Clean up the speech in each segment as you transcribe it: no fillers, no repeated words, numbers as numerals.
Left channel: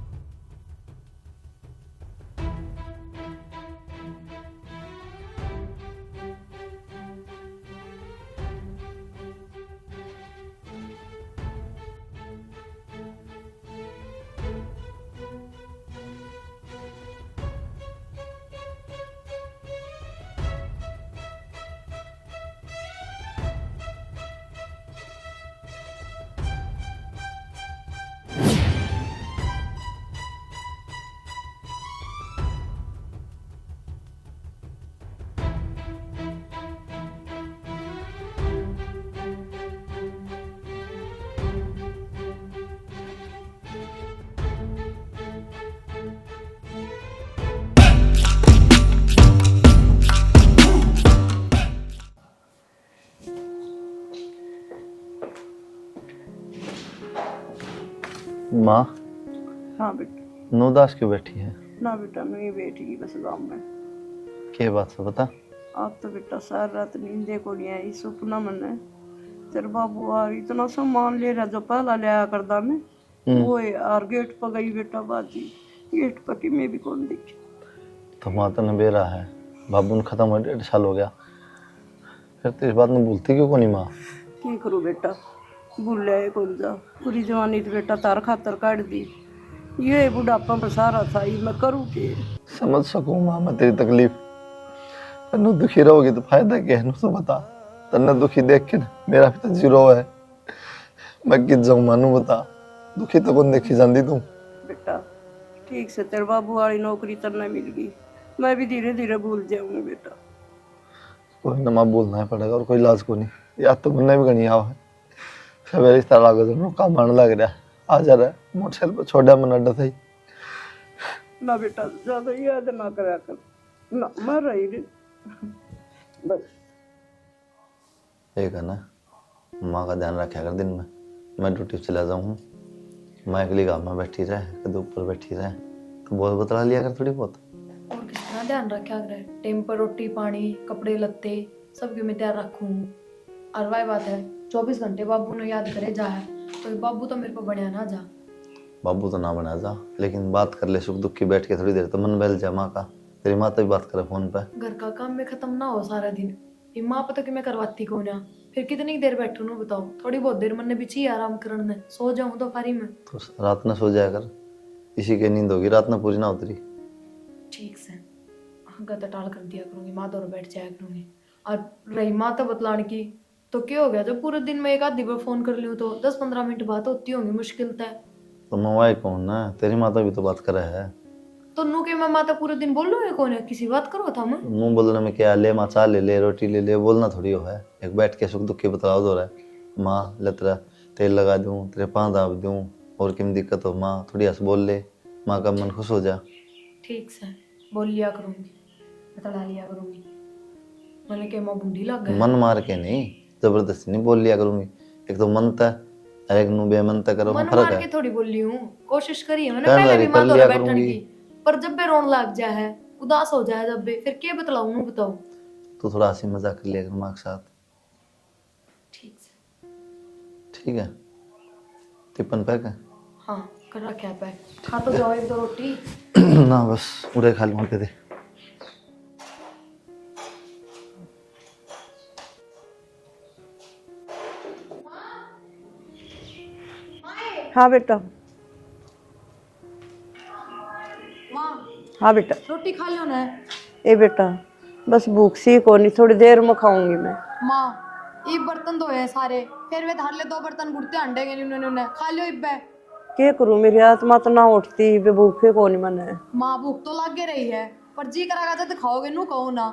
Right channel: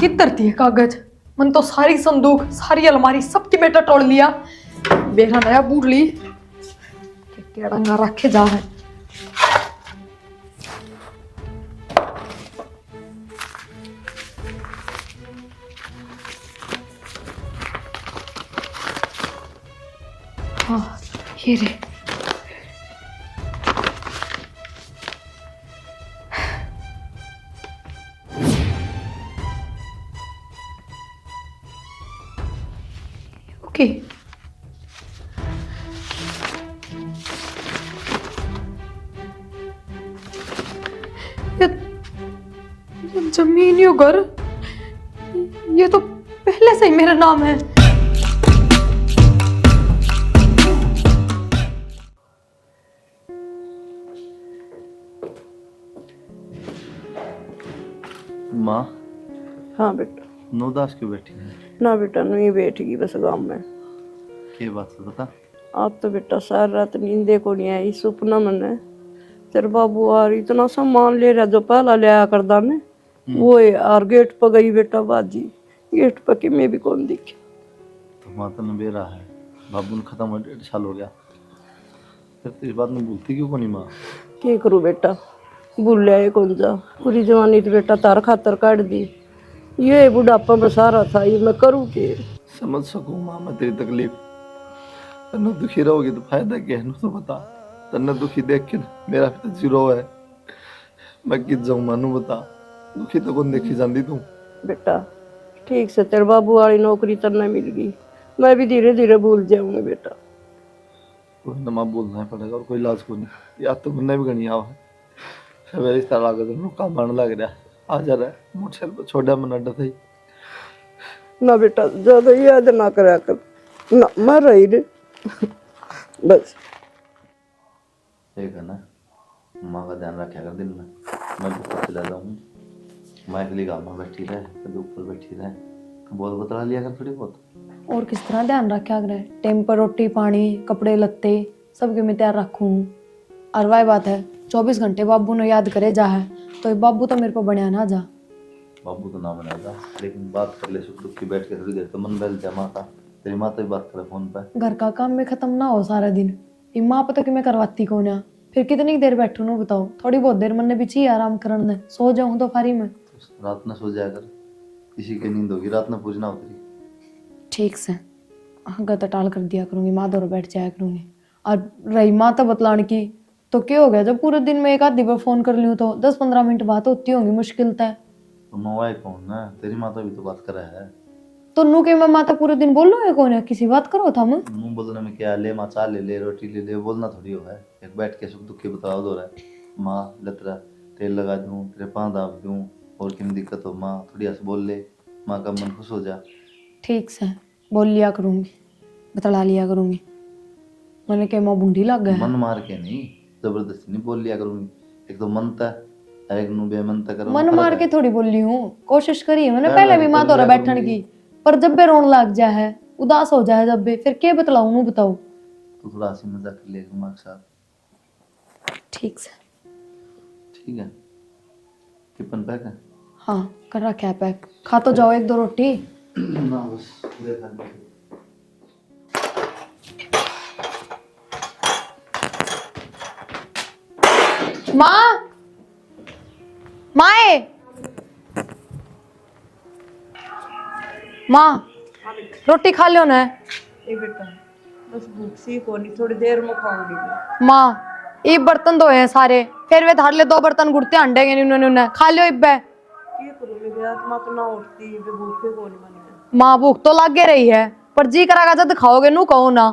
किधर थी ये कागज? मन तो सारी संदूक सारी अलमारी सबकी बेटा तोड़ लिया। बेरा नया बूढ़ ली केड़ा रखे जा है। हाँ ये रे। ओके ये जमीन यो घर ये तो पहले से ही मेरा नाम है। माँ। हाँ बेटा। नो उदास क्यों बैठी है? ना बेटा नहीं बैठेगी बस गाँव में। क्या बात है बता। आज तो बेटा सारी रात नींदे को नहीं आई। सपना मैंने तेरे बाबू और इतना सामान ले रहा जो पहला ले आया कर दाने वो है। और गेट पर गई बेटा बाजी गेट पर कि मैं भी कौन दिखे। तो माँ तो बेरा है बाबू ने खत्म हो 1.5 साल हो गया फिर तो इस बात में भूलती क्यों नहीं माँ? क्या करूँ बेटा भूल लिया कौन जा। पूरी जवानी तो बेटा तार खातर काट दी। ये बुढ़ापा में सारा था ये मैं करूँ के। समझ सकूँ माँ मैं तेरी तकलीफ। तन्ने दुखी रहोगी तो फायदा क्या है तो बता। तन्ने दुखी देख के मेरा भी तो जीरो है। मैं किस जाऊँ मानू बता। दुखी तो कौन देखी जाती तू। बेटा ठीक से तेरे बाबू वाली नौकरी तरना मिल गई मैं भी धीरे धीरे भूल जाऊंगी बेटा। कोई ना माँ बोलना ही पड़ेगा और कोई इलाज को नहीं। याद तो मुन्ने भी गणी आओ है फिर मेरे रिश्ता लागो तो काम आने लग रहा है। आ जा रहा है मोटरसाइकिल पर छोड़ा मन अड्डा था ही। ना बेटा ज्यादा याद ना करा कर ना मर रही रे बस। एक है ना माँ का ध्यान रखा कर दिन में। मैं ड्यूटी चला जाऊँ माँ अगली गाँव में बैठी रहे कद ऊपर बैठी रहे तो बहुत बतला लिया कर थोड़ी बहुत। और किस तरह ध्यान रखा करे? टाइम पर रोटी पानी कपड़े लत्ते सबके मैं तैयार रखूँ। और वही बात है 24 घंटे बाबू ने याद करे जा है तो बाबू तो मेरे को बनया ना जा। बाबू तो ना बना जा लेकिन बात कर ले सुख दुख की बैठ के थोड़ी देर तो मन बहल जा माँ का। तेरी माँ तो भी बात करे फोन पे। घर का काम में खत्म ना हो सारा दिन ये माँ पता कि मैं करवाती कौन है। फिर कितनी देर बैठू ना बताओ? थोड़ी बहुत देर मन ने भी चाहिए आराम करने सो जाऊँ तो फारी में। तो रात में सो जाया कर इसी की नींद होगी रात में पूरी ना उतरी। ठीक से गत टाल कर दिया करूंगी माँ दौड़ बैठ जाया करूंगी। और रही माँ तो बतलाने की तो क्या हो गया जब पूरे दिन में एक आधी बार फोन कर लूँ तो 10-15 मिनट बात होती होंगी मुश्किल तय। तो मवाई कौन है तेरी माता भी तो बात करे है। तो नू के मैं माता पूरे दिन बोल लूँगा कौन है किसी बात करो था मैं। मुँह बोलने में क्या ले माँ चा ले ले रोटी ले ले बोलना थोड़ी हो है। एक बैठ के सुख दुख के बतलाओ दो रहा माँ लतरा तेल लगा दूँ तेरे पाँव दाब दूँ और किम दिक्कत हो माँ थोड़ी हंस बोल ले माँ का मन खुश हो जा। ठीक से बोल लिया करूंगी बतला लिया करूंगी। मैंने क्या माँ बूढ़ी लग गया मन मार के नहीं जबरदस्ती नहीं बोल लिया करूंगी। एक तो मन तय एक नु बेमन तय करो मन फर्क मार है। के थोड़ी बोली हूँ कोशिश करी है मैंने कर पहले ले, भी कर माँ लिया दौरा बैठने करूंगी। की। पर जब भी रोन लग जाए है उदास हो जाए जब भी फिर क्या बतलाऊँ मुँह बताओ। तो थोड़ा हंसी मजाक कर लिया करो माँ के साथ। ठीक से ठीक है टिफिन पैक है? हाँ कर रखा है पैक। खा तो जाओ 1-2 रोटी। ना बस उड़े खा लूँ दे। माँ माए हाँ बेटा। माँ हाँ बेटा। रोटी खा लो ना। ए बेटा बस भूख सी को नहीं थोड़ी देर में खाऊंगी मैं। माँ ये बर्तन धोए हैं सारे फिर वे धार ले 2 बर्तन गुड़ते अंडेगे उन्होंने खा लियो इब्बे। क्या करूँ मेरी आत्मा तो ना उठती बे भूखे को नहीं मने। माँ भूख तो लागे रही है पर जी करागा जब खाओगे नू कहो ना।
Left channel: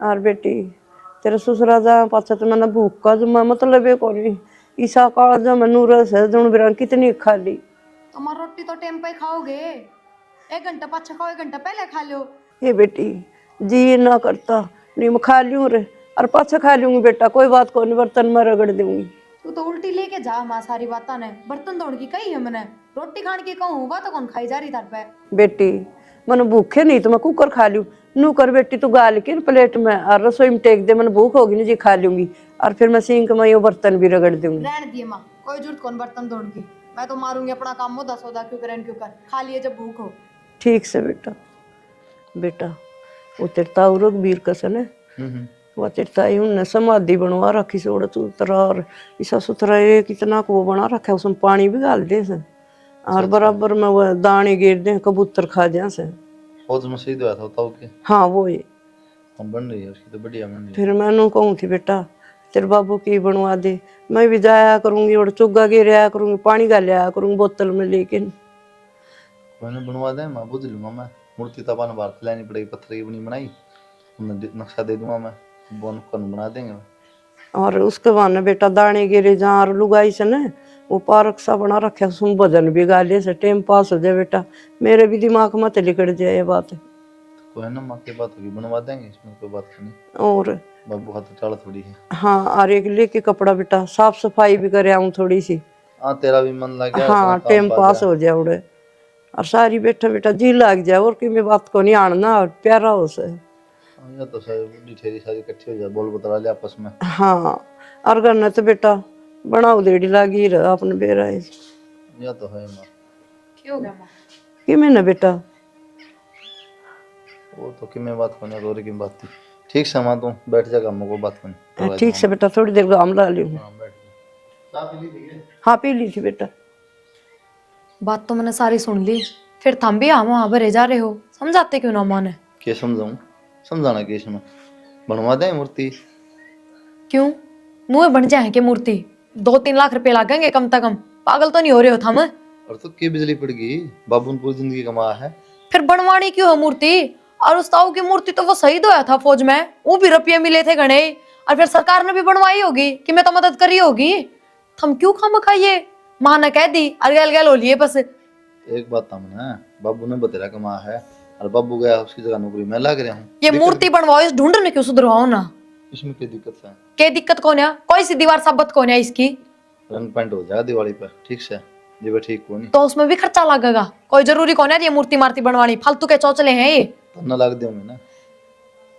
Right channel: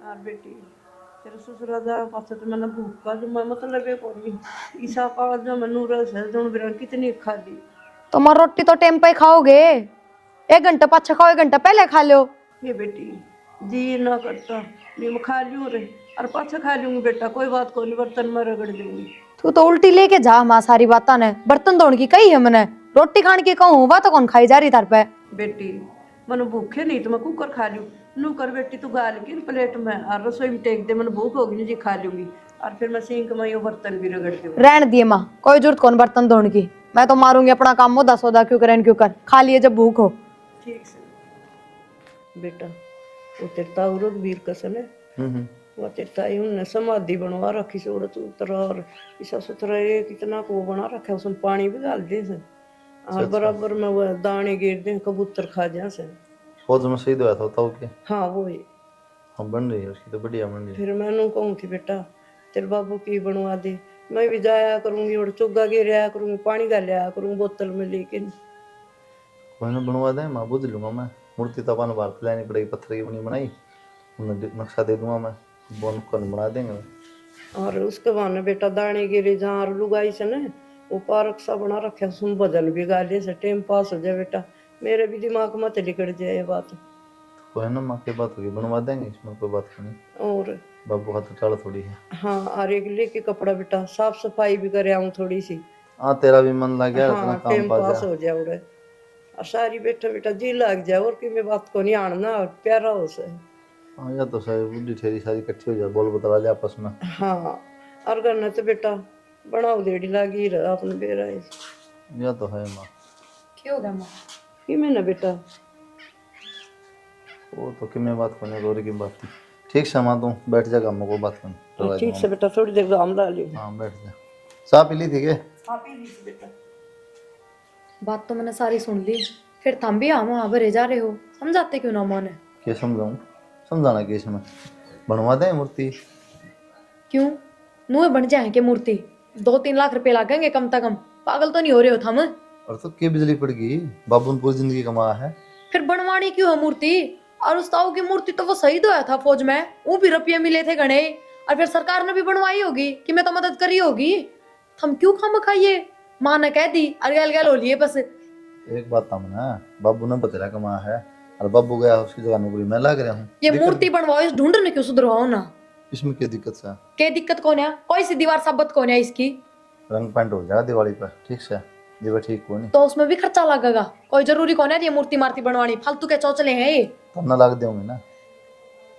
और बेटी तेरे ससुरा जा पाछा तो मैंने भूख का जो मतलब है को नहीं ईसा काल जो मैं नूरस है जुन बिरान कितनी खा ली। तो माँ रोटी तो टाइम पे ही खाओगे 1 घंटा पाछा खाओ 1 घंटा पहले खा लो। ये बेटी जी ना करता नहीं मैं खा लूँ रे और पाछा खा लूंगी बेटा कोई बात को नहीं बर्तन में रगड़ दूंगी। तू तो उल्टी लेके जा माँ सारी बाता ने बर्तन धोने की कही है मैंने रोटी खाने की कहूँ वह तो कौन खाई जा रही तार पे। बेटी मैंने भूखे नहीं तो मैं कुकर खा लूँ नू कर बेटी तू गाल के प्लेट में और रसोई में टेक दे मैंने भूख होगी नहीं जी खा लूंगी और फिर मैं सिंक में ये बर्तन भी रगड़ दूंगी। रहने दिए माँ कोई जरूरत कौन बर्तन धोने की मैं तो मारूंगी अपना काम मुद्दा सौदा क्यों करें क्यों कर, खा लिए जब भूख हो। ठीक से बेटा। बेटा वो तेरे ताऊ रघुवीर कसन है, वो तेरे ताई उनने समाधि बनवा रखी से उड़ा उतरा और ऐसा सुथरा एक इतना को वो बना रखा है, उसमें पानी भी डाल दे से और बराबर में वो दाने गिर दे, कबूतर खा जा से। फौज में शहीद हुआ था ताऊ के। हाँ वो ही। हाँ बन रही है उसकी तो बढ़िया बन रही है। फिर मैं कहूँ थी बेटा तेरे बाबू की बनवा दे, मैं भी जाया करूंगी और चुग्गा गिराया करूंगी, पानी का लिया करूंगी बोतल में, लेकिन मैंने बनवा दे, मैं बुझ लूंगा। मैं मूर्ति तो अपन भारत लानी पड़ेगी, पत्थर की बनी बनाई, नक्शा दे दूंगा मैं, बोन कन बना देंगे। और उसके बाद बेटा दाने गिरे जहाँ और लुगाई से न वो पार्क सा बना रखे, उसमें भजन भी गा ले से टाइम पास हो जाए बेटा। मेरे भी दिमाग में तो लिकड़ जाए ये बात। तो है ना, माँ की बात होगी, बनवा देंगे, इसमें कोई बात नहीं। और बाबू का तो चाल थोड़ी है। हाँ और एक लेके कपड़ा बेटा साफ सफाई भी करे आऊँ थोड़ी सी। हाँ तेरा भी मन लग गया। हाँ टाइम पास हो जाए उड़े और सारी बैठा बेटा जी लग जाए, और कि मैं बात को नहीं आना और प्यारा हो से। हाँ या तो सारी बुढ़ी ठेरी सारी इकट्ठी हो जाए, बोल बतला ले आपस में। हाँ और करना तो बेटा बनाओ देड़ी लागी रहा अपने बेरा या तो है माँ। क्या हो गया माँ? कि मैं ना बेटा वो तो कि मैं बात करने रोरी की बात थी। ठीक से माँ, तू बैठ जा, हम को बात करनी। ठीक से बेटा थोड़ी देर आम ला लियो। हाँ बैठ जा। चाय पी ली थी के? हाँ पी ली थी बेटा। बात तो मैंने सारी सुन ली, फिर थम भी हम वहां भरे जा रहे हो, समझाते क्यों ना माने? क्या समझाऊं? समझाना क्या इसमें? बनवा दे मूर्ति। क्यों मुँह बन जाए कि मूर्ति 2-3 लाख रुपए लगेंगे कम से कम, पागल तो नहीं हो रहे हो थम? और तो क्या बिजली पड़ गई, बाबू ने पूरी जिंदगी कमाया है। फिर बनवानी क्यों है मूर्ति? और उस ताऊ की मूर्ति तो वो शहीद हुआ था फौज में, वो भी रुपये मिले थे घने, और फिर सरकार ने भी बनवाई होगी कि मैं तो मदद करी होगी। हम क्यों खाम खाइए, माँ ने कह दी अलगल गल हो लिए बस। एक बात था ना, बाबू ने बतेरा कमाया है और बाबू गया उसकी जगह नौकरी मैं लग रहा हूँ। ये मूर्ति बनवाओ, इस ढूंढने क्यों सुधरवाओ ना? इसमें क्या दिक्कत है? क्या दिक्कत कौन है? कोई सी दीवार साबित कौन है इसकी? रंग पेंट हो जाएगा दिवाली पर, ठीक से जी ठीक को नहीं तो उसमें भी खर्चा लगेगा, कोई जरूरी कौन है ये मूर्ति मार्ती बनवानी, फालतू के चौचले हैं ये। तब ना लग दूंगी ना,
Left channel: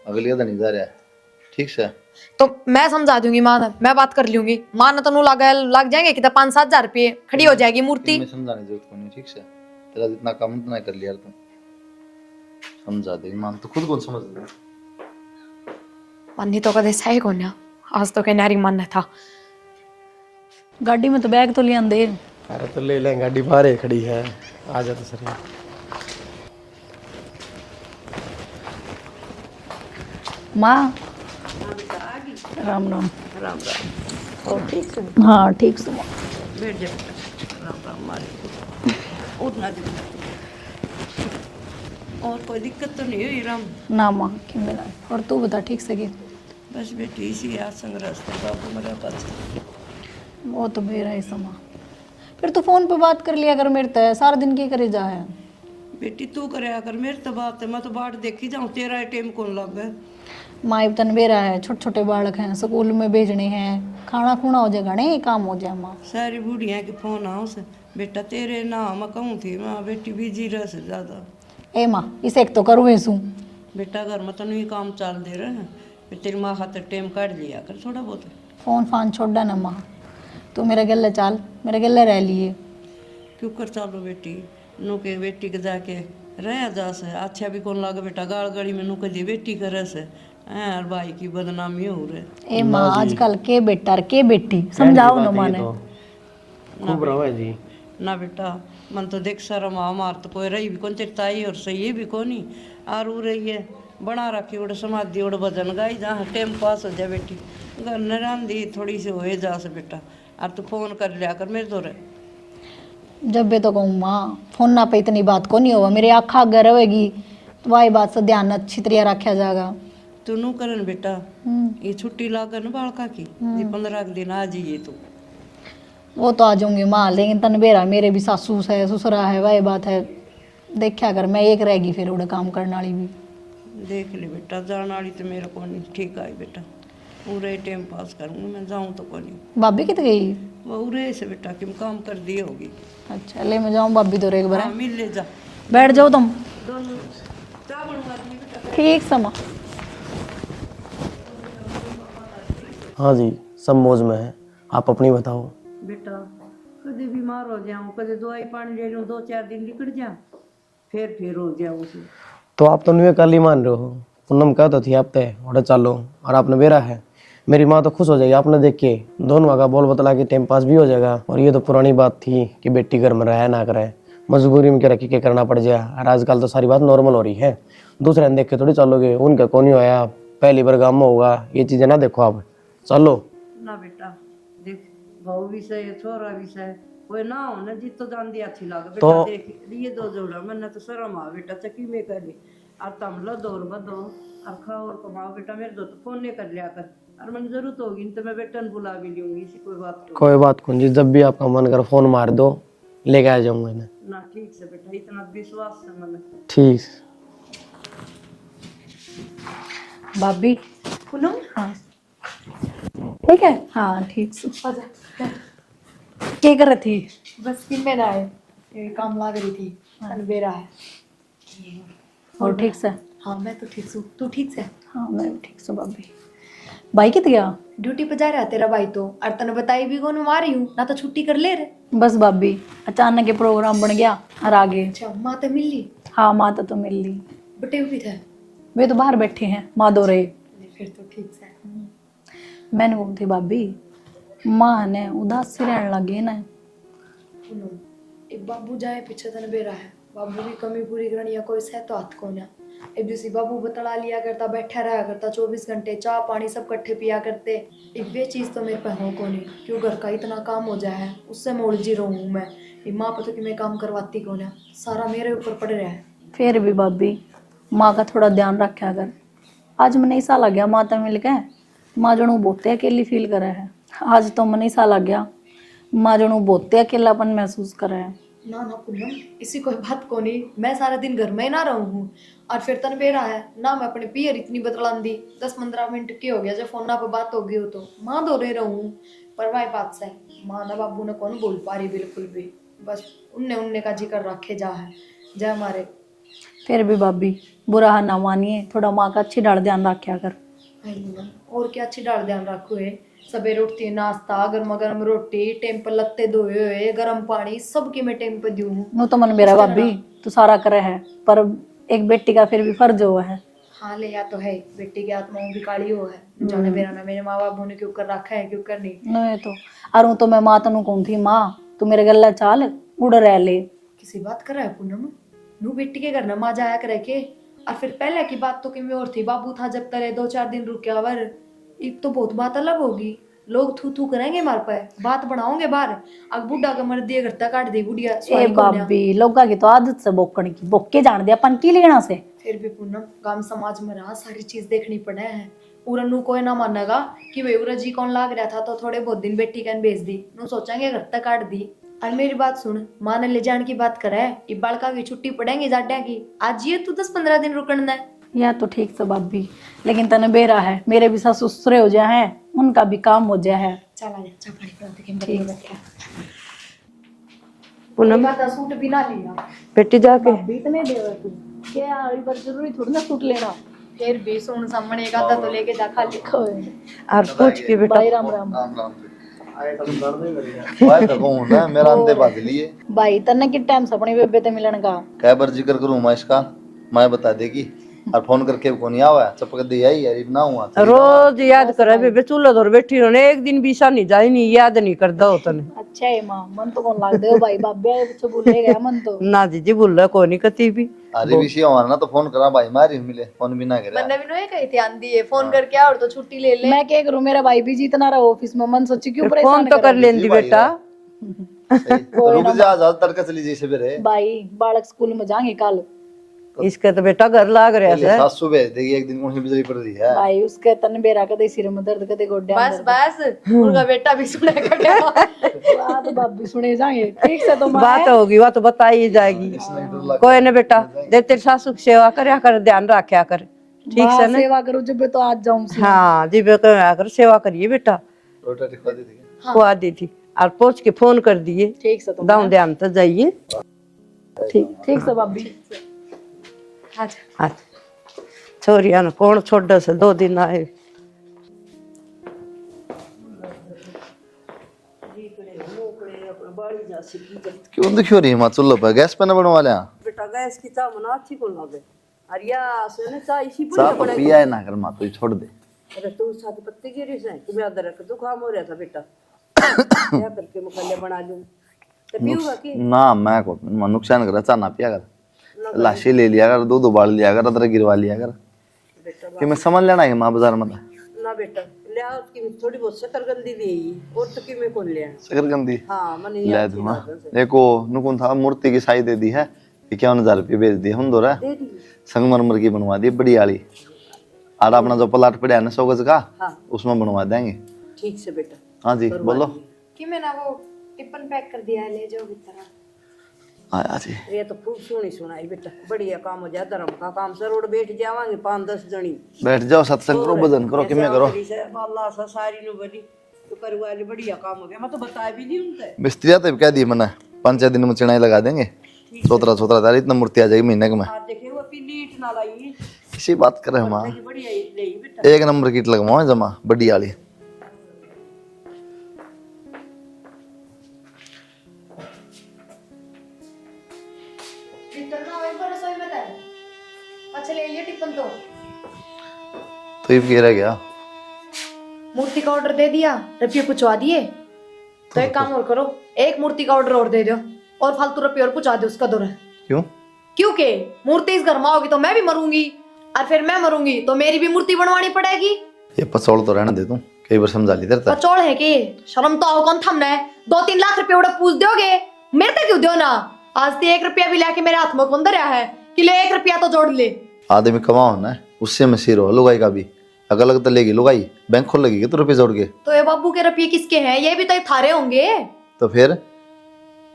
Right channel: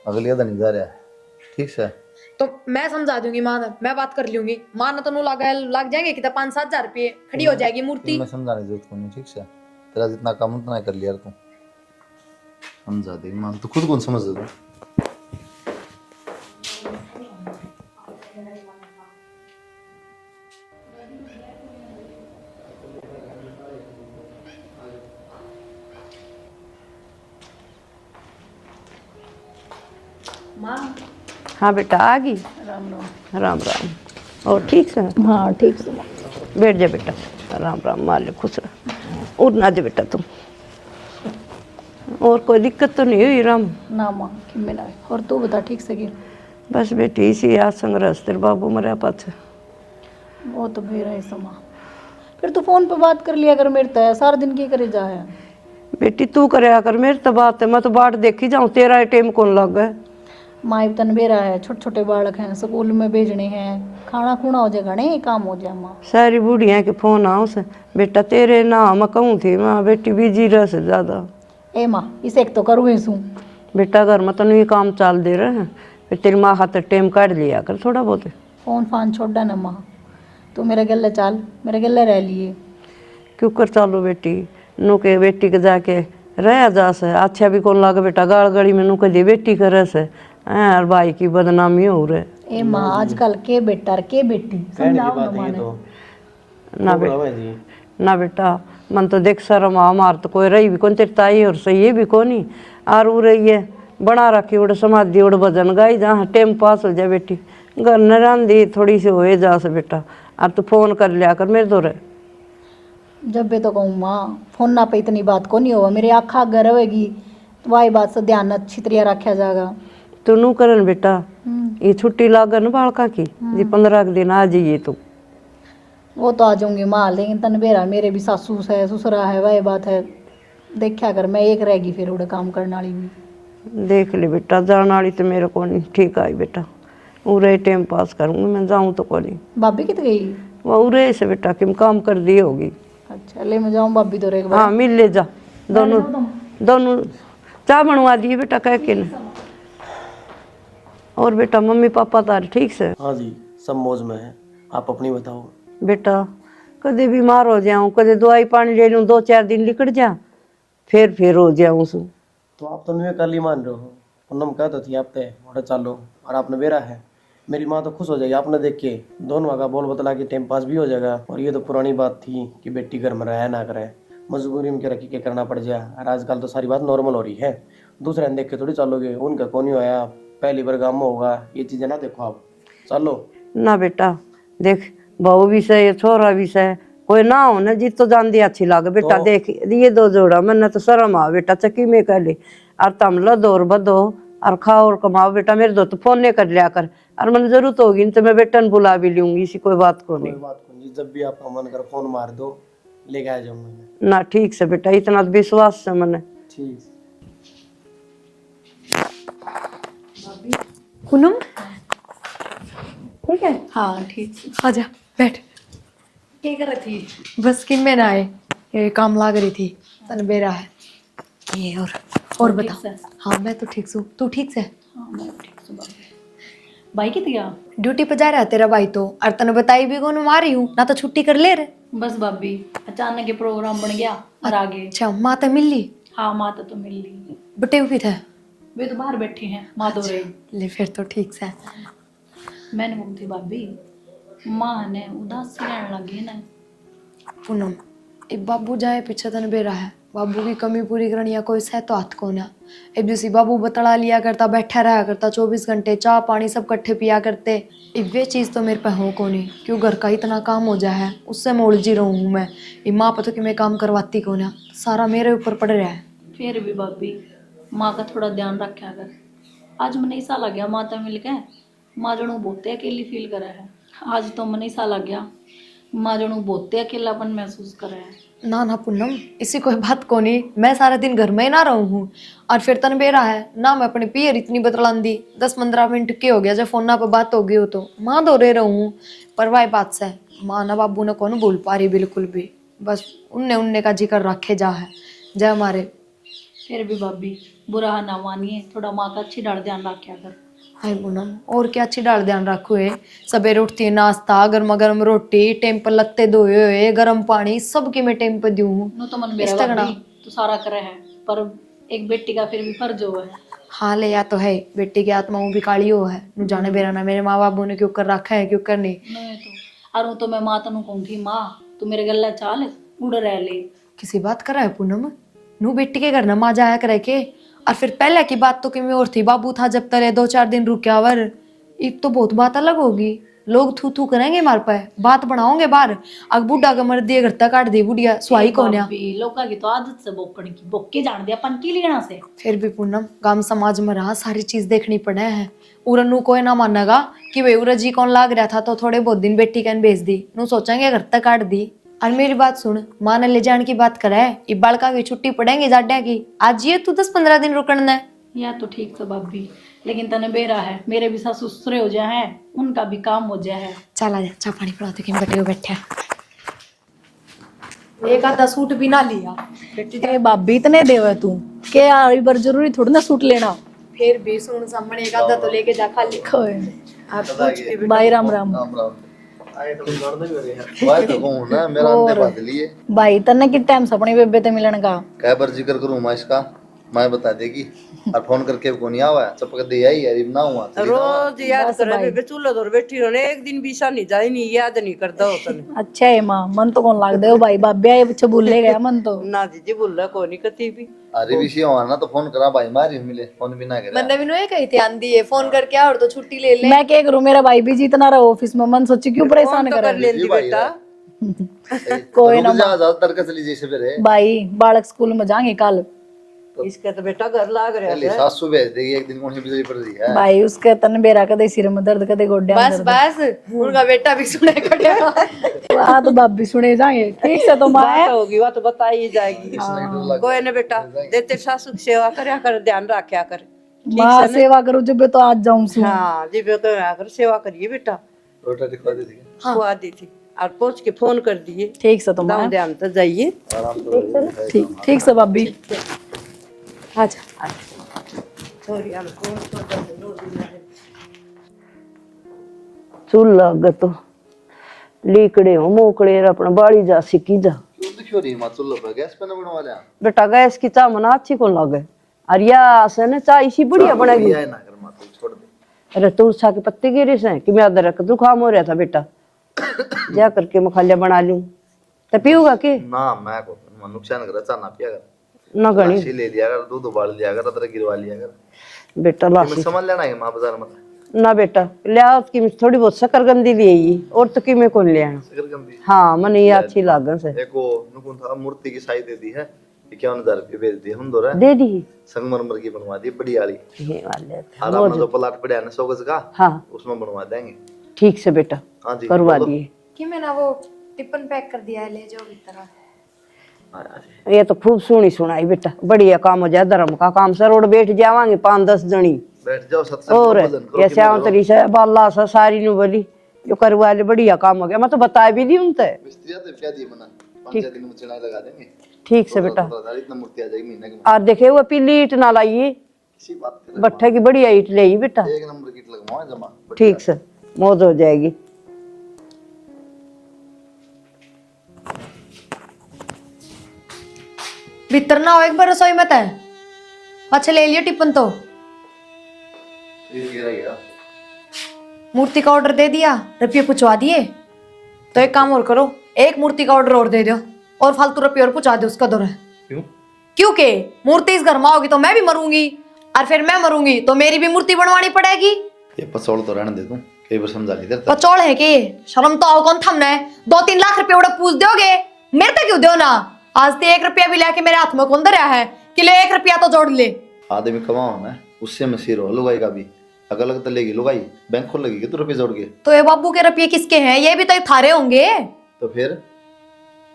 अगली अदा नहीं जा रहा है, ठीक से। तो मैं समझा दूंगी माँ ने, मैं बात कर लूंगी, माँ ने तो नू लग जाएंगे कि 5-7 हजार रुपये खड़ी हो जाएगी मूर्ति। मैं समझाने की जरूरत नहीं, ठीक से। तेरा जितना काम उतना कर लिया तू, समझा दे मान, तो खुद कौन समझ दे। पन्नी तो कदे सही कौन है, आज तो कहनारी मन था। गाड़ी में तो बैग तो लिया दे। अरे तो ले लें, गाड़ी बाहर ही खड़ी है, आ जा तो सर। माँ हाँ बेटा आ गई। राम राम। राम राम। और ठीक से? हाँ ठीक से। बैठ जा बेटा। राम राम, मालिक खुश रह। और ना जा बेटा तुम। और कोई दिक्कत तो नहीं हुई राम? ना माँ की मेरा। और तू बता ठीक से की? बस बेटी इसी आज संघर्ष तेरे बाबू मरा पास। वो तो बेरा है समा। फिर तो फोन पे बात कर लिया कर मेरे तो, सारा दिन की करे जा है। बेटी तू करे कर, मेरी तो बात है, मैं तो बाट देखी जाऊँ, तेरा टाइम कौन लग गया? माँ तन बेरा है, छोटे छोटे बालक हैं, स्कूल में भेजने हैं, खाना खुना हो जाएगा नहीं काम हो जाए माँ। सारी बूढ़िया के फोन आओ से बेटा तेरे ना मैं कहूँ थी माँ बेटी बिजी रह से ज़्यादा। ए माँ इसे एक तो करूँ ही सूँ। बेटा घर में तनु ये काम चाल दे रहे हैं, फिर तेरी माँ खातर टाइम काट लिया कर थोड़ा बहुत। फोन फान छोड़ ना माँ, तू मेरे गले चल, मेरे गले रह लिए। क्यों कर चालो बेटी, नु के बेटी के जाके रह जा से अच्छा भी कौन लागे बेटा, गाड़ गड़ी में नु के बेटी करे से और भाई की बदनामी हो रहे। ए माँ आजकल के बेटा के बेटी समझाओ ना माने। ना बेटा मन तो देख शर्म हमार तो कोई रही भी कौन तेरी ताई और सही है भी कोनी और वो रही है बना रखी उड़ समाधि उड़ भजन गाई जहाँ टाइम पास हो जाए बेटी। घर न रांधी थोड़ी सी होए जा से बेटा, और तू फोन कर लिया कर मेरे दो रहे। जब भी तो कहूँ माँ फोन ना पे इतनी बात को नहीं हुआ, मेरे आँखा अगर रहेगी तो वही बात से ध्यान अच्छी तरह रखा जाएगा। तू नू करन बेटा, ये छुट्टी लागन बालका की जी 15 दिन आ जाइए तू। वो तो आ जाऊंगी माँ, लेकिन तन बेरा मेरे भी सासू है ससुरा है, वही बात है देखा कर, मैं एक रहेगी फिर उड़े काम करने वाली भी। देख ले बेटा जाने वाली तो मेरे को नहीं ठीक आई बेटा, उरे टाइम पास करूँगी मैं, जाऊँ तो को नहीं। भाभी कित गई? वो उरे से बेटा किम काम कर दी होगी। अच्छा ले मैं जाऊँ भाभी तो एक बार। हाँ मिल ले जा, बैठ जाओ तुम दोनों चाय बनवा दिए बेटा कह के। ठीक समा। और बेटा मम्मी पापा तारे ठीक से? हाँ जी सब मौज में है, आप अपनी बताओ। बेटा कदे बीमार हो जाऊं, कदे दवाई पानी ले लूं, 2-4 दिन निकट जा, फिर हो जाऊं सु। तो आप तो न्यू कल ही मान रहे हो। पूनम कह तो थी आप तय और चलो, और आपने बेरा है। मेरी माँ तो खुश हो जाएगी आपने देख के, दोनों का बोल बतला के टाइम पास भी हो जाएगा। और ये तो पुरानी बात थी कि बेटी घर में रहे ना करे, मजबूरी में क्या रखी के करना पड़ जाए। और आजकल तो सारी बात नॉर्मल हो रही है, दूसरे ने देख के थोड़ी चलोगे। उनका कौन ही होया, पहली बार गाँव में होगा, ये चीजें ना देखो आप, चलो। ना बेटा देख, बहू भी सही, छोरा भी सही, कोई ना हो ना जी तो जान दी अच्छी लागे बेटा। देख ये 2 जोड़ा, मैंने तो शर्म आ बेटा, चक्की में कर ली। और तम लदो और बदो और खाओ और कमाओ बेटा। मेरे दो तो फोन नहीं कर लिया कर, और मैंने जरूरत होगी तो मैं बेटा ने बुला भी लूंगी, इसी कोई बात को। कोई बात कौन जी, जब भी आपका मन कर फोन मार दो, लेके आ जाऊंगा इन्हें। ना ठीक से बेटा, इतना तो विश्वास है मैंने। ठीक। भाभी। पूनम ठीक है। हाँ ठीक से। आजा बैठ। क्या कर रही थी? बस किन में ना आए, ये काम लाग रही थी। तन बेरा है ये और ठीक बता। से? हाँ मैं तो ठीक हूँ, तू ठीक से? हाँ मैं भी ठीक से भाभी। भाई कित गया? ड्यूटी पे जा रहा है तेरा भाई तो, और तने बताई भी कौन मारी हूँ ना, तो छुट्टी कर ले रे। बस भाभी अचानक ये प्रोग्राम बन गया और आगे। अच्छा माँ तो मिल ली? हाँ माता तो मिल ली, बटे भी थे? वे तो बाहर बैठे हैं, माँ दो रहे। ले फिर तो ठीक से। मैंने बोलती भाभी माँ ने उदास सी रहने लगी ना। पूनम एक बाबू जाए पीछे तन बेरा है, बाबू की कमी पूरी करनी है, कोई सह तो हाथ को ना। एक जैसी बाबू बतला लिया करता, बैठा रहा करता 24 घंटे, चाय पानी सब कट्ठे पिया करते। एक वे चीज़ तो मेरे पे हो को नहीं, क्यों घर का इतना काम हो जाए है, उससे मोड़ जी रहूँ हूँ मैं। ये माँ पता कि मैं काम करवाती को ना, सारा मेरे ऊपर पड़ रहा है। फिर भी भाभी माँ का थोड़ा ध्यान रखा कर। आज मैंने ऐसा लग गया माता मिल के, माँ जनू बहुत अकेली फील करा है। आज तो मैंने ऐसा लग गया माँ जनू बहुत अकेलापन महसूस करा है। ना ना पूनम इसी कोई बात को नहीं, मैं सारा दिन घर में ही ना रहूँ हूँ। और फिर तन बेरा है ना, मैं अपने पियर इतनी बतलान दी, 10-15 मिनट के हो गया जब फोन पे बात हो गई हो तो माँ दो रे रहूँ हूँ। पर वाई बात से माँ ना बाबू ने कौन बोल पा रही बिल्कुल भी, बस उनने उनने का जिक्र रखे जा है जय हमारे। फिर भी भाभी बुरा ना मानिए, थोड़ा माँ का अच्छी डाल ध्यान रखा कर। हाय पूनम और क्या अच्छी डाल ध्यान रखो है, सवेरे उठती है नाश्ता, गर्मा गर्म रोटी, टाइम पर लत्ते धोए हुए, गर्म पानी सब की मैं टाइम पर दूँ। नो तो मन मेरा भाभी तो सारा करे है, पर एक बेटी का फिर भी फर्ज हुआ है। हाँ ले या तो है, बेटी की आत्मा वो भी काली हो है, नु जाने बेरा ना मेरे माँ बाबू ने क्यों कर रखा है क्यों कर नहीं। नहीं तो अरे तो मैं माँ तनु कौन थी, माँ तू मेरे गला चाल उड़ रह ले। किसी बात कर रहा है पूनम, नू बेटी के घर ना माँ जाया करे के। और फिर पहले की बात तो किमें और थी, बाबू था जब तले 2-4 दिन रुका वर, एक तो बहुत बात अलग होगी, लोग थू थू करेंगे मार पे, बात बनाओगे बाहर। अग बुढ़ा का मर दिए घर तक काट दी बुढ़िया स्वाई को ना। लोगा की तो आदत से बोकड़ की, बोके जान दिया अपन की लेना से। फिर भी पूनम गांव समाज में रहा सारी चीज देखनी पड़े है। उरनू कोई ना मानेगा कि भाई उरा जी कौन लाग रहा था तो थोड़े बहुत दिन बेटी कैन भेज दी, नू सोचेंगे घर तक काट दी। और मेरी बात सुन, माँ ने ले जाने की बात करे, ये बालका की छुट्टी पड़ेगी जाड्या की, आज ये तू 10-15 दिन रुकना है। या तो ठीक से भाभी, लेकिन तने बेरा है मेरे भी सास ससुरे हो जाए हैं, उनका भी काम हो जाए है। चला जा चाय पानी पिला दे कि मैं बैठा एक आधा सूट भी ना लिया। बेटी जा भाभी इतने देवे तू के यार, एक बार जरूरी थोड़ी ना सूट लेना। फिर भी सुन सामने एक आधा तो लेके जा खाली। और पूछ के बेटा। भाई राम राम। राम राम आए तो दर्द भी हो गया। मैं तो हूं ना, मेरा अंदे बात लिए भाई तने कि टाइम से अपनी बेबे ते मिलन का कै बार जिक्र करूं मैं इसका, मैं बता देगी और फोन करके को नहीं आवा, चपक दे आई यार ना हुआ था। रोज याद करे बेबे, चूल्हा धोर बैठी रहने, एक दिन भी सा नहीं जाई नहीं, याद नहीं करदा होतन। अच्छा है माँ, मन तो कौन लाग दे हो भाई, बाबे आए बच्चे बोलने गया मन तो। ना जी बोल रहा कोई नहीं कती भी। अरे विषय हमारा ना तो फोन करा भाई, मारी मिले फोन भी ना करे। मैंने भी नो ये कही थी आंधी है फोन करके आ और तो छुट्टी ले ले। मैं क्या करूँ, मेरा भाई भी जितना रहा ऑफिस में, मन सोची क्यों फोन परेशान तो कर करे। लेंदी बेटा। कोई ना जा तर के चली जैसे बेरे भाई बालक स्कूल में जाएंगे कल, इसका तो बेटा घर लाग रहा ले है। सासू भेज देगी, एक दिन मुझे बिजली पड़ रही है। भाई उसके तन बेरा कदे सिर में दर्द कदे गोड्या बस बस उनका बेटा भी सुनेगा। आ तो भाभी सुने जाएंगे ठीक से। तो माँ बात होगी वो तो बताई जाएगी। कोई ना बेटा, दे तेरे सासू की सेवा करया कर, ध्यान रखा कर, ठीक माँ से ना। सेवा करो जब तो आज जाऊं सी। हाँ जी बेटा कर सेवा करिए बेटा, रोटा दिखा दे दी। खुआ दी थी और पहुंच के फोन कर दिए। ठीक से तो गाँव माँ, ध्यान तो जाइए। ठीक से भाभी। अच्छा हाँ छोरिया ना कौन छोड़ से 2 दिन आए चूल्हा तो लीकड़े हो मोकड़े अपना बाड़ी जा सिकी जा। क्यों दुखी हो रही है माँ? चूल्हे पर गैस पे न बनवा लिया। बेटा गैस की चाय मना अच्छी को लगे और या से ना चाय इसी बढ़िया बनेगी। पिया ना कर माँ, तू छोड़ दे। अरे तुलसा के पत्ते गिरे से कि मैं अदरक जुकाम हो रहा था बेटा, जा करके मखालिया बना लूं तो पीऊंगा कि ना मैं को नुकसान कर, चाह ना पिया कर, ना गणी लाशी ले लिया कर, दूध उबाल लिया कर, अदरक गिरवा लिया कर। बेटा मैं लाश समझ लेना है माँ बाजार में ना बेटा लिया कि थोड़ी बहुत शकरगंदी ले आई और तो कि मैं कौन ले आना। शकरकंदी हाँ मने ये अच्छी लागन से देखो नुकुन था मूर्ति की साई दे दी है, 51,000 रुपये बेच दिए हम दो रहा दे दी संगमरमर की बनवा दी बड़ी वाली। ये वाले और अपना जो प्लाट पड़ा है ना 100 गज का, हाँ उसमें बनवा देंगे। ठीक से बेटा हाँ जी करवा बोलो। दिए। कि मैंने वो टिफिन पैक कर दिया है, ले जाओ भीतर। हाँ जी ये तो खूब सुनी सुनाई बेटा, बढ़िया काम हो जाए धर्म का काम से रोड बैठ जावांगे 5-10 जनी बैठ जाओ सत्संग और करो, भजन करो, ये किमें करो। श्यामतरी से बाला से सारी नु बोली जो करवा ले बढ़िया काम हो गया। मैं तो बता भी दी उनसे। मिस्त्रिया तो कह दी मैंने 5-6 दिन में चिनाई लगा देंगे। ठीक से बेटा 17,000 इतना मूर्ति आ जाएगी महीने में। और देखे वो पीली ईट ना लाई, किसी बात करे माँ, भट्ठे की बढ़िया ईट ले आई बेटा। एक नंबर की ईंट लगवाओ जमा बड़ी ठीक वाली। से मौज हो जाएगी। भीतर ना हो एक बार रसोई मत है, अच्छा ले लिया टिफिन तो ये भी रह गया। मूर्ति का ऑर्डर दे दिया, रुपये पूछवा दिए। तो एक काम और करो, एक मूर्ति का ऑर्डर और दे दो और फालतू रुपये और पूछा दो उसका दौर है। क्यों? क्योंकि मूर्ति इस घर में होगी तो मैं भी मरूंगी और फिर मैं मरूंगी तो मेरी भी मूर्ति बनवानी पड़ेगी। ये पसौल तो रहने दे दूं, कई बार समझा ली तेरे पचौड़ है कि शर्म तो आओ, कौन थमना है? 2-3 लाख रुपए उड़ा पूछ दोगे, मेरे तक क्यों दो ना? आज तो 1 रुपया भी लाके मेरे हाथ में कौन दे रहा है कि ले 1 रुपया तो जोड़ ले। आदमी कमाओ ना, उससे में सिर हो लुगाई का भी अगर अलग तो लेगी लुगाई, बैंक खोल लगेगी तो रुपये जोड़ के। तो ये बाबू के रुपये किसके हैं? ये भी तो थारे होंगे। तो फिर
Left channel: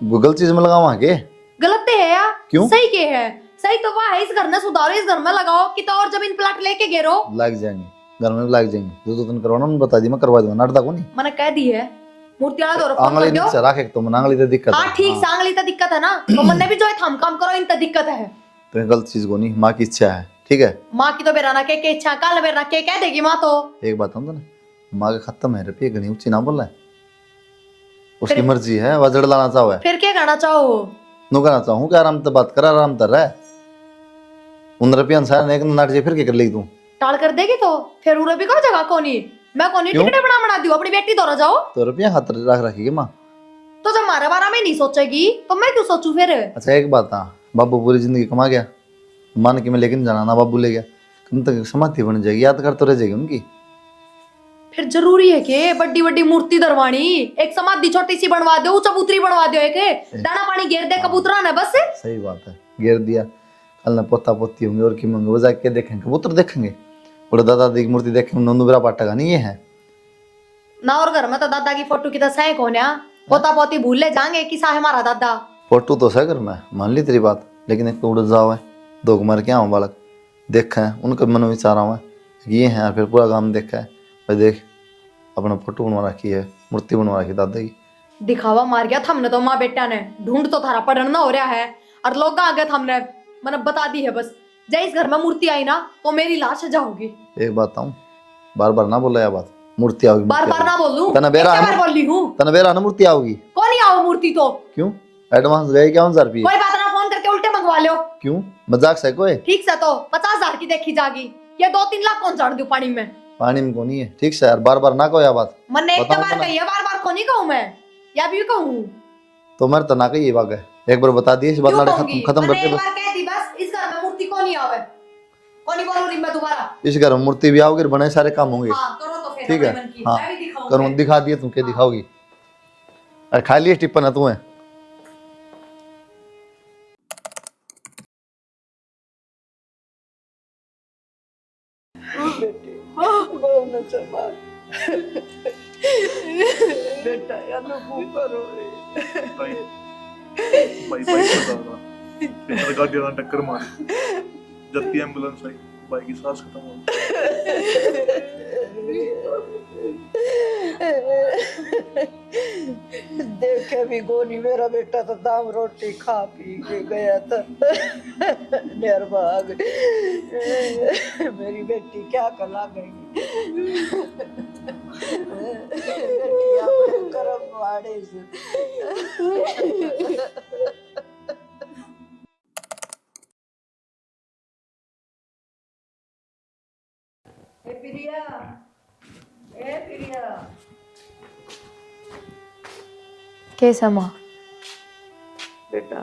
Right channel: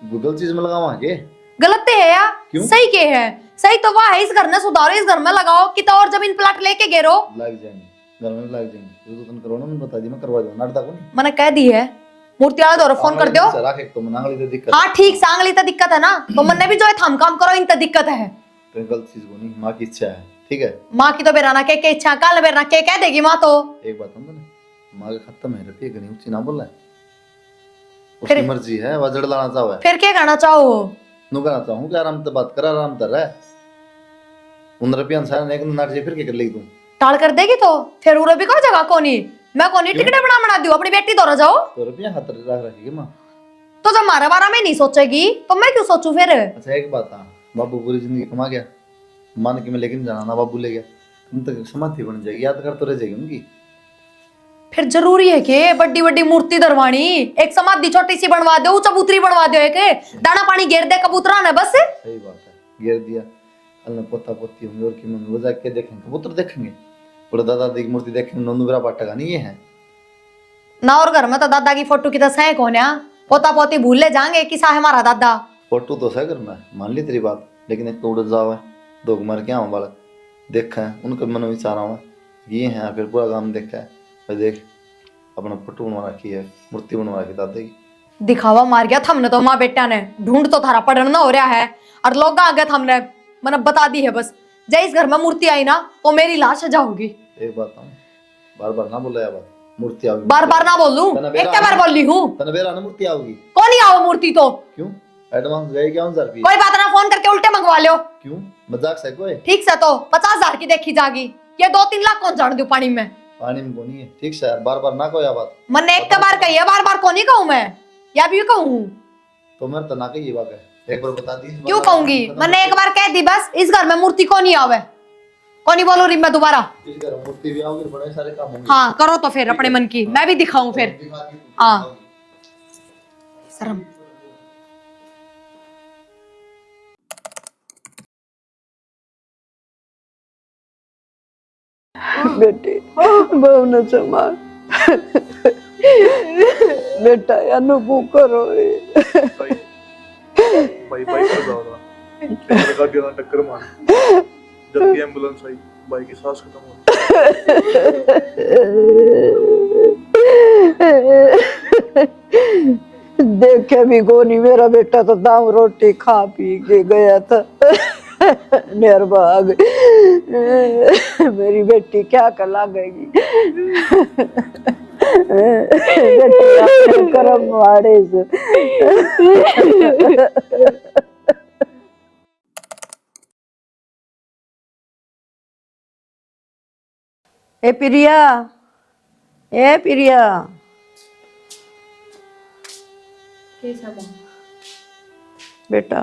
गूगल चीज में लगाओ के गलत है या क्यों? सही के है? सही तो वह है, इस घर में सुधारो, इस घर में लगाओ कि तो और जमीन प्लाट लेके गिरो। लग जाएंगे, घर में भी लग जाएंगे। जो तुम करवाना मैं बता दी, मैं करवा दूंगा, नाटक को नहीं। मैंने कह दी है मूर्ति वाला दौर फोन कर दो। राखे तो मनांगली तो दिक्कत हाँ ठीक, सांगली तो दिक्कत है ना, तो मन ने भी जो है थाम काम करो, इन तो दिक्कत है। तो गलत चीज को नहीं, माँ की इच्छा है, ठीक है। माँ की तो बेराना के इच्छा, काल बेराना के कह देगी माँ तो। एक बात हम तो ना, माँ के खत्म है रुपये गनी ऊंची ना बोल रहा है, उसकी मर्जी है, वजड़ लाना चाहो है। फिर क्या करना चाहो? नु कहना चाहूँ कि आराम से बात कर, आराम कर रहा है। उन रुपये अनुसार एक नाट जे फिर क्या कर लेगी तू? टाल कर देगी तो फिर उरो भी कहो जगह कोनी, मैं कोनी टिकट बना दूं, अपनी बेटी दौरा जाओ। तो रुपया हाथ रख रखेगी माँ। तो जब हमारे बारे में नहीं सोचेगी तो मैं क्यों सोचूं फिर? अच्छा एक बात था, बाबू पूरी जिंदगी कमा गया, मान के मैं लेकिन जाना ना बाबू ले गया, तुम तक समाधि बन जाएगी, याद कर तो रह जाएगी उनकी। फिर जरूरी है कि बड़ी बड़ी मूर्ति दरवानी, एक समाधि छोटी सी बनवा दो, चबूतरी बनवा दो, एक दाना पानी घेर दे कबूतरा ने बस। सही बात है, घेर दिया, कल ना पोता पोती होंगे और की मंगे वो जाके देखेंगे, कबूतर देखेंगे, और दादा दी की मूर्ति देखेंगे, नंदुबरा पाटेगा नहीं ये है ना। और घर में तो दादा की फोटो की तो सह कौन है? पोता पोती भूल ले जाएंगे कि सा है हमारा दादा। फोटो तो सह कर मैं मान ली तेरी बात, लेकिन एक उड़ जाओ है, 2 मार के आओ बालक देखा है, उनके मन में विचार आवा ये है, फिर पूरा काम देखा है भाई, देख अपना फोटो बनवा रखी है, मूर्ति बनवा रखी दादा की। दिखावा मार गया थमने तो माँ बेटा ने, ढूंढ तो थारा पढ़ना हो रहा है और लोग आ गए थमने, मैंने बता दी है बस। जब इस घर में मूर्ति आई ना तो मेरी लाश सजा होगी। एक बात बताऊं, बार बार ना बोला यह बात, मूर्ति आओगी। बार बार ना बोलूं, तना बेरा एक बार बोल ली हूँ। तनबेरा ना मूर्ति आओगी। कौन ही आओ मूर्ति तो? क्यों? एडवांस गए क्या 1000 रुपये? कोई बात ना, फोन करके उल्टे मंगवा लो। क्यों? मजाक से कोई? ठीक से तो 50,000 की देखी जागी, ये 2-3 लाख कौन जान दू पानी में? पानी में कौन है, ठीक से यार, बार बार ना कहो यह बात। मैंने एक बार कही है, बार बार कौन ही कहूँ मैं, या भी कहूँ? तो मेरे तना कही ये बात है, एक बार बता दिए इस बात क्यों कहूंगी? मैंने एक बार कह दी बस, इस घर में मूर्ति कौन ही आवे, कौन ही बोलो मैं दोबारा। इस घर में मूर्ति भी आओगी, बने सारे काम होंगे। हाँ करो तो फिर अपने मन की, मैं भी दिखाऊं फिर। दिखा दिए तुम, क्या दिखाओगी? अरे खा लिए टिप्पण है तुम्हें। बेटे बहु न संभाल बेटा, अनुभव करो। बाइक पर जा रहा मेरे गाड़ी वाला टक्कर मारी, जबकि एम्बुलेंस आई, बाइक की सांस खत्म हो देखे भी कोनी, मेरा बेटा तो दाम रोटी खा पी के गया था। निर्भाग मेरी बेटी क्या कर लागेगी। बेटी अपने कर्म मारे से। ए प्रिया, ए प्रिया, कैसा माँ? बेटा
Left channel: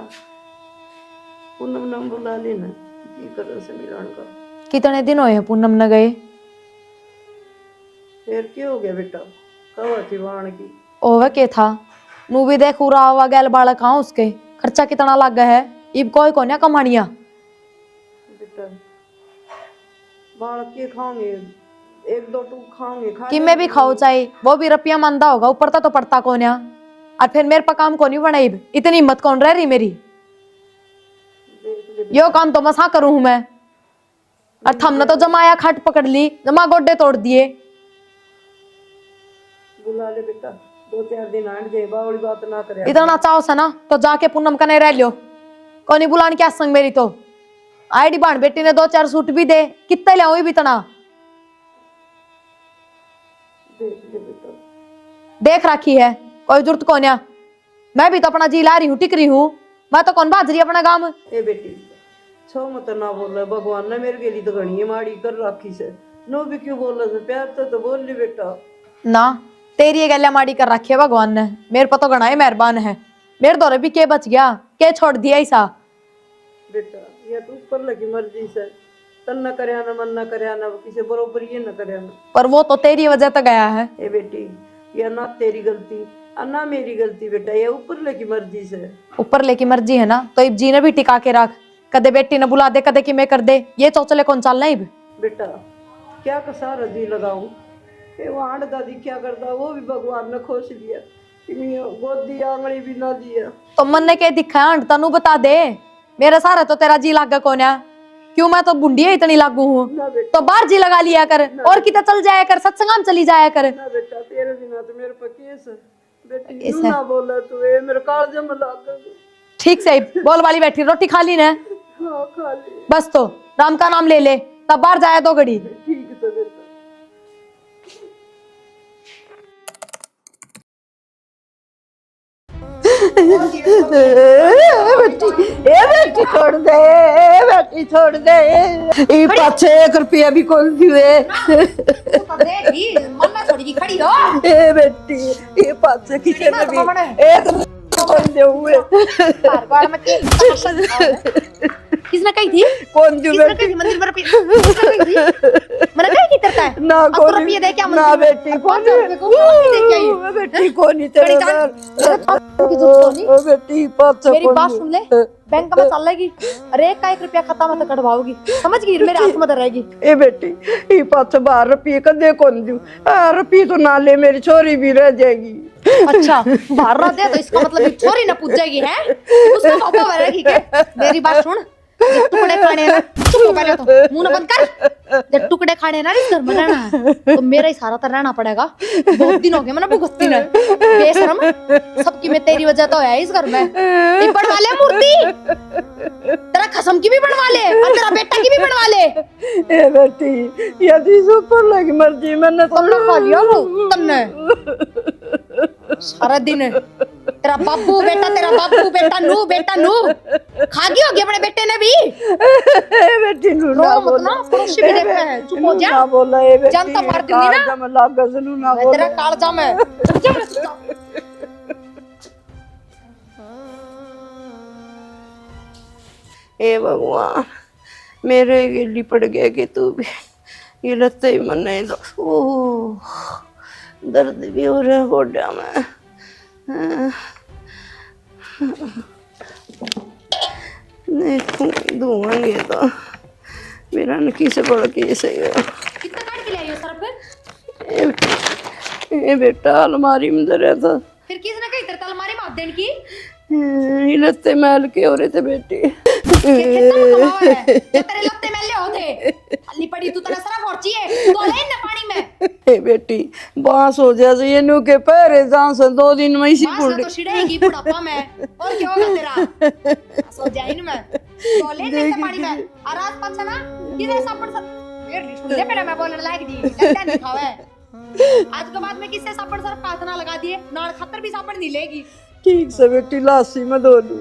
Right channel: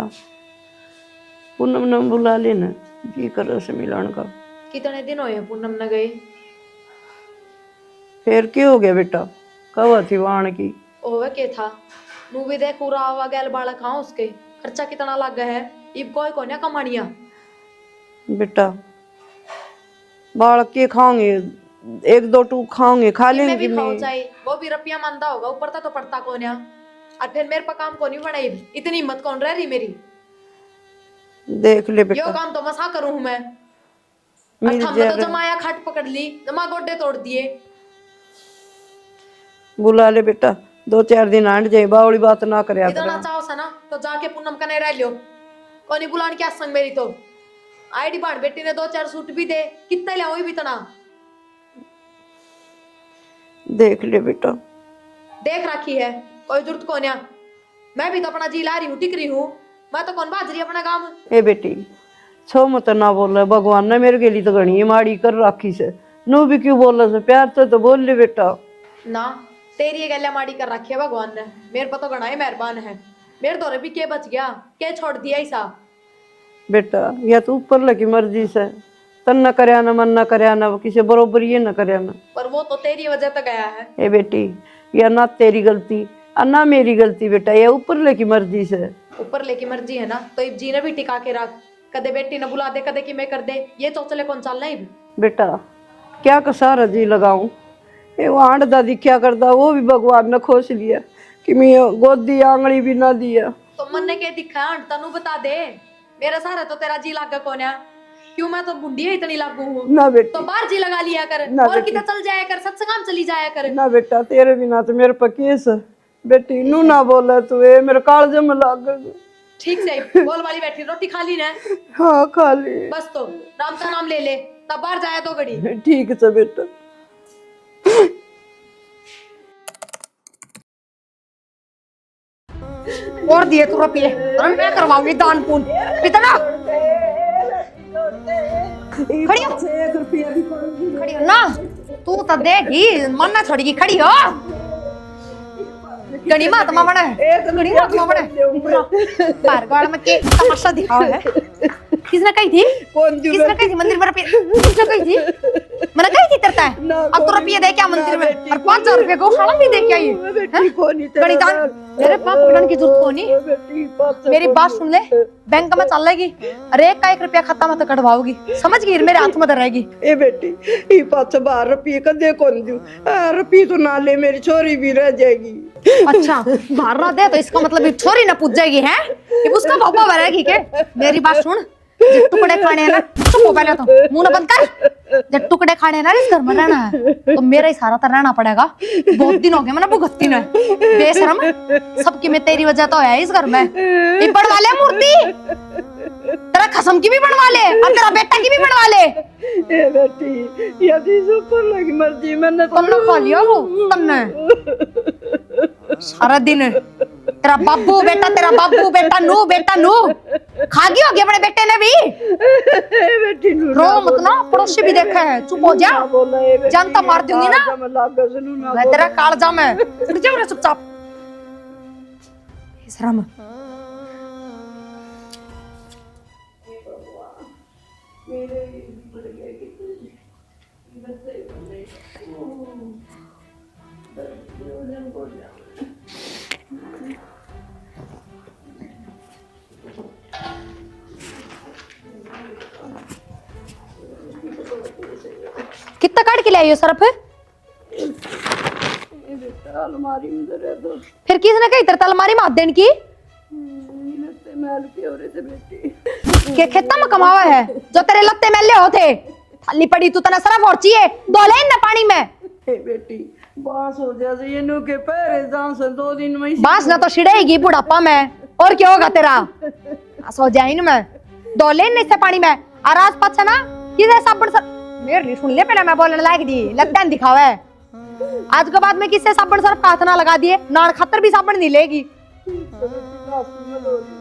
पूनम ने बुला लेना जी कर से मिलन का। कितने दिन हुए हैं पूनम न गए? फिर क्या हो गया बेटा, कब थी वाण की? ओवे के था नू भी देख उरा हुआ गैल बालक कहाँ उसके खर्चा कितना लग गया है। इब कोई को कमानिया बेटा बालक के खाओगे, एक दो टूक खाओगे, खा कि लेंगे मैं भी खाऊं चाहिए, वो भी रुपया मंदा होगा ऊपर तो पड़ता कौन है। और फिर मेरे पर काम कौन ही बनाई, इतनी हिम्मत कौन रह रही मेरी। देख ले यो बेटा, काम तो मसा करूं हूं मैं। और हमने तो जमाया खट पकड़ ली, जमा गोड्डे तोड़ दिए। बुला ले बेटा, 2-4 दिन आंट जाए, बावड़ी बात ना करे। इतना चाहो सा ना तो जाके पूनम का नहीं रह लियो, कौन बुलाने क्या संग मेरी तो। आईडी बाण बेटी ने 2-4 सूट भी दे, कितने ले भी तना। देख ले बेटा, देख रखी है, कोई जरूरत कौन है। मैं भी तो अपना जी ला रही हूँ, टिक रही हूँ, मैं तो कौन बाज रही अपना काम। ए बेटी छो मत ना बोल, भगवान ने मेरे के लिए तो घनी माड़ी कर रखी से, नो भी क्यों बोल से, प्यार तो बोल ले बेटा। ना तेरी ये गैल्या माड़ी कर रखी है भगवान ने, मेरे पर तो घना ही मेहरबान है। मेरे दौरे भी के बच गया, के छोड़ दिया ऐसा। बेटा या तो ऊपर लगी मर्जी से, तन न करया ना, मन न करया ना, किसी बरोबर ये न करया ना। पर वो तो तेरी वजह तो गया है। ए बेटी या ना तेरी गलती और ना मेरी गलती बेटा, ये ऊपर लगी मर्जी से। ऊपर लेकी मर्जी है ना तो इब जी ने भी टिका के रख, कदे बेटी ने बुला दे, कदे कि मैं कर दे, ये चौचले कौन चलना इब। बेटा क्या कसार जी लगाऊं, ये आंट दादी क्या करता, वो भी भगवान ने खोस लिया कि मैं गोदी आंगली भी ना दिया। तो मन ने क्या दिखा है, तनु बता दे, मेरे सारे तो तेरा जी लागा कौन है। क्यों मैं तो बुंडी है इतनी लागू हूँ, ना बेटा, तो बाहर जी लगा लिया कर, और कितना चल जाया कर, सत्संगाम चली जाया कर। ना बेटा तेरे बिना तो मेरे पर केस है। बेटी नू ना बोला तू, ये मेरे कालजे में लाग गया। ठीक से बोल वाली बैठी, रोटी खा ली ने? हाँ खा ली। बस तो राम का नाम ले ले, तब बाहर जाया 2 घड़ी। ठीक है बेटा। और दिए तो दान पुण्य कितना छोड़ दे बेटी, छोड़ दे, ये पाछे 1 रुपया भी कौन दिए ना। तू तो देगी मन ना छोड़ेगी, खड़ी हो। ए बेटी ये पाछे जड़ी मात मावड़ है, एक जड़ी मात मावड़ है। दूंगा। पारगाड़ में की तमाशा दिखाओ है। किसने कही थी? कौन दी किसने कही थी मंदिर में रुपये? किसने कही थी? मैंने कही थी तेरे है। ना अब तो कौन- रुपये दे क्या ना मंदिर में? बेटी, और 5000 रुपये को खाओ भी दे क्या ये? बेटी कौन नहीं खड़ी तेरा जान, तेरे पास पकड़ने की जरूरत तो नहीं। ओ बेटी पाछे मेरी कौन बात दी? सुन ले, बैंक में चल लेगी, अरे एक का 1 रुपया खाता मत कटवाओगी, समझ गई? मेरे हाथ में रहेगी। ए बेटी ये पाछे 12 रुपये का दे कौन दूं, 12 रुपये तो ना ले, मेरी छोरी भी रह जाएगी। अच्छा बाहर रह दे तो इसका मतलब ये छोरी ना पूछ जाएगी है कि उसका पापा भरेगी क्या? मेरी बात सुन, जब टुकड़े खाने हैं ना, तो पहले तो मुंह ना बंद कर। जब टुकड़े खाने हैं ना इस घर में रहना है तो मेरा ही सारा तो रहना पड़ेगा। बहुत दिन हो गए मैंने भुगतती ना, बेशरम, सबकी मैं तेरी वजह तो है इस घर में। ये बनवा ले मूर्ति, तेरा खसम की भी बनवा ले और तेरा बेटा की भी बनवा ले। ए बेटी यदि ऊपर लगी मर्जी मैंने तुमने खा लिया वो तुमने सारा दिन। तेरा बाबू बेटा नू खा गई होगी अपने बेटे ने भी। बेटी नू ना रो मत ना, पड़ोसी भी देखा है, चुप हो जा। ना बोला ए बेटी, जानता मार दूंगी ना। कालजा में लाग गया, सुनू ना मैं बोला। तेरा कालजा में चुप ना, चुपचाप शर्म। ए भगवान मेरे गिल्ली पड़ गया कि तू भी ये लत्ते ही मन नहीं दो। ओह दर्द भी हो रहा है गोड्या में। धुआंगे तो मेरा नकी से बड़ा केस है। कितना काट के लाइयो सरफ? ए बेटा अलमारी में धरा था, फिर किसने कही तेरे अलमारी में हाथ देने की? ये लत्ते मैल के हो रहे थे बेटी। के खेता में कमावा है जो तेरे लत्ते मैले होते। थाली पड़ी तू तना सरफ और चाहिए तो ले ना पानी में। ए बेटी बांस हो जाए ये नु के पैरे जान से 2 दिन में ही बांस ना तो छिड़ेगी बुढ़ापा में, और क्या होगा तेरा? सो जाए ना मैं दो ले नहीं से पानी में और आज पाछा ना किधर साबुन सर मेरी सुन ले, पहले मैं बोलने लायक दी लगता है दिखावे आज के बाद में किससे साबुन सर्फ हाथ ना लगा दिए, नान खातर भी साबुन नहीं लेगी। ठीक से बेटी लासी में धो ली।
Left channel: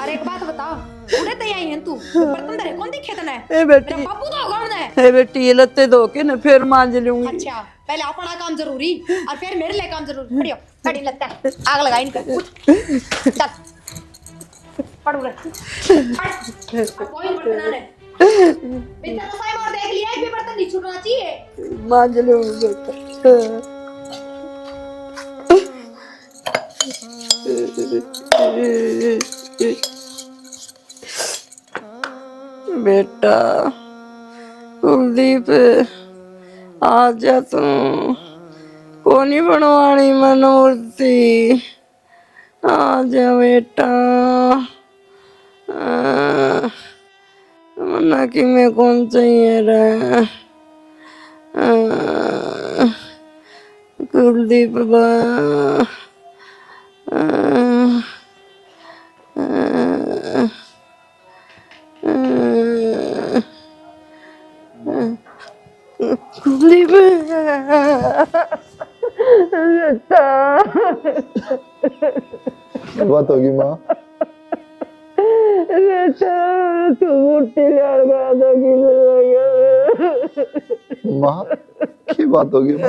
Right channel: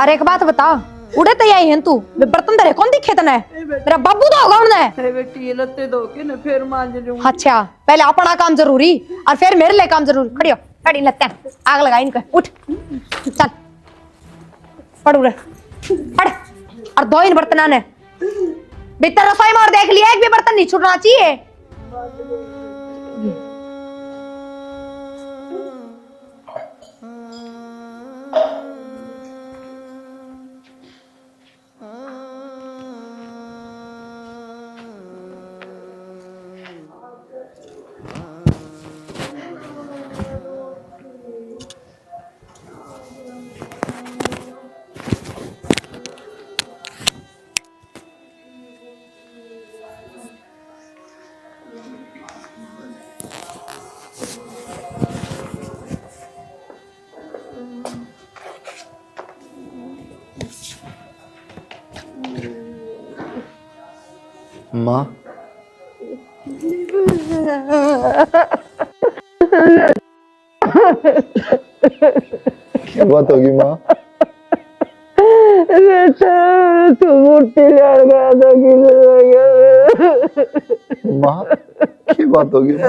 अरे एक बात बता, उड़े तो आई है तू, बर्तन तेरे कौन दिखे तने? ए बेटी, तेरा बाबू तो होगा उन्हें। ए बेटी ये लत्ते धो के ना फिर मांज लूंगी। अच्छा, पहले अपना काम जरूरी और फिर मेरे लिए काम जरूरी। खड़ी हो, खड़ी लगते हैं, आग लगा इनका। उठ चल, पड़ उड़े, पड़ और दो इन बर्तन ने भीतर रसोई में और देख लिया, एक भी बर्तन नहीं छूटना चाहिए। मांज लूंगी बेटा। बेटा कुलदीप आ जा तू, कोनी बनवानी मन मूर्ति, आ जा बेटा। मना कि मैं कौन चाहिए रे कुलदीप बा। माँ कुलदीप क्या बात होगी माँ? बेटा तू मूर्ति ले गया था कि माँ क्या बात होगी माँ?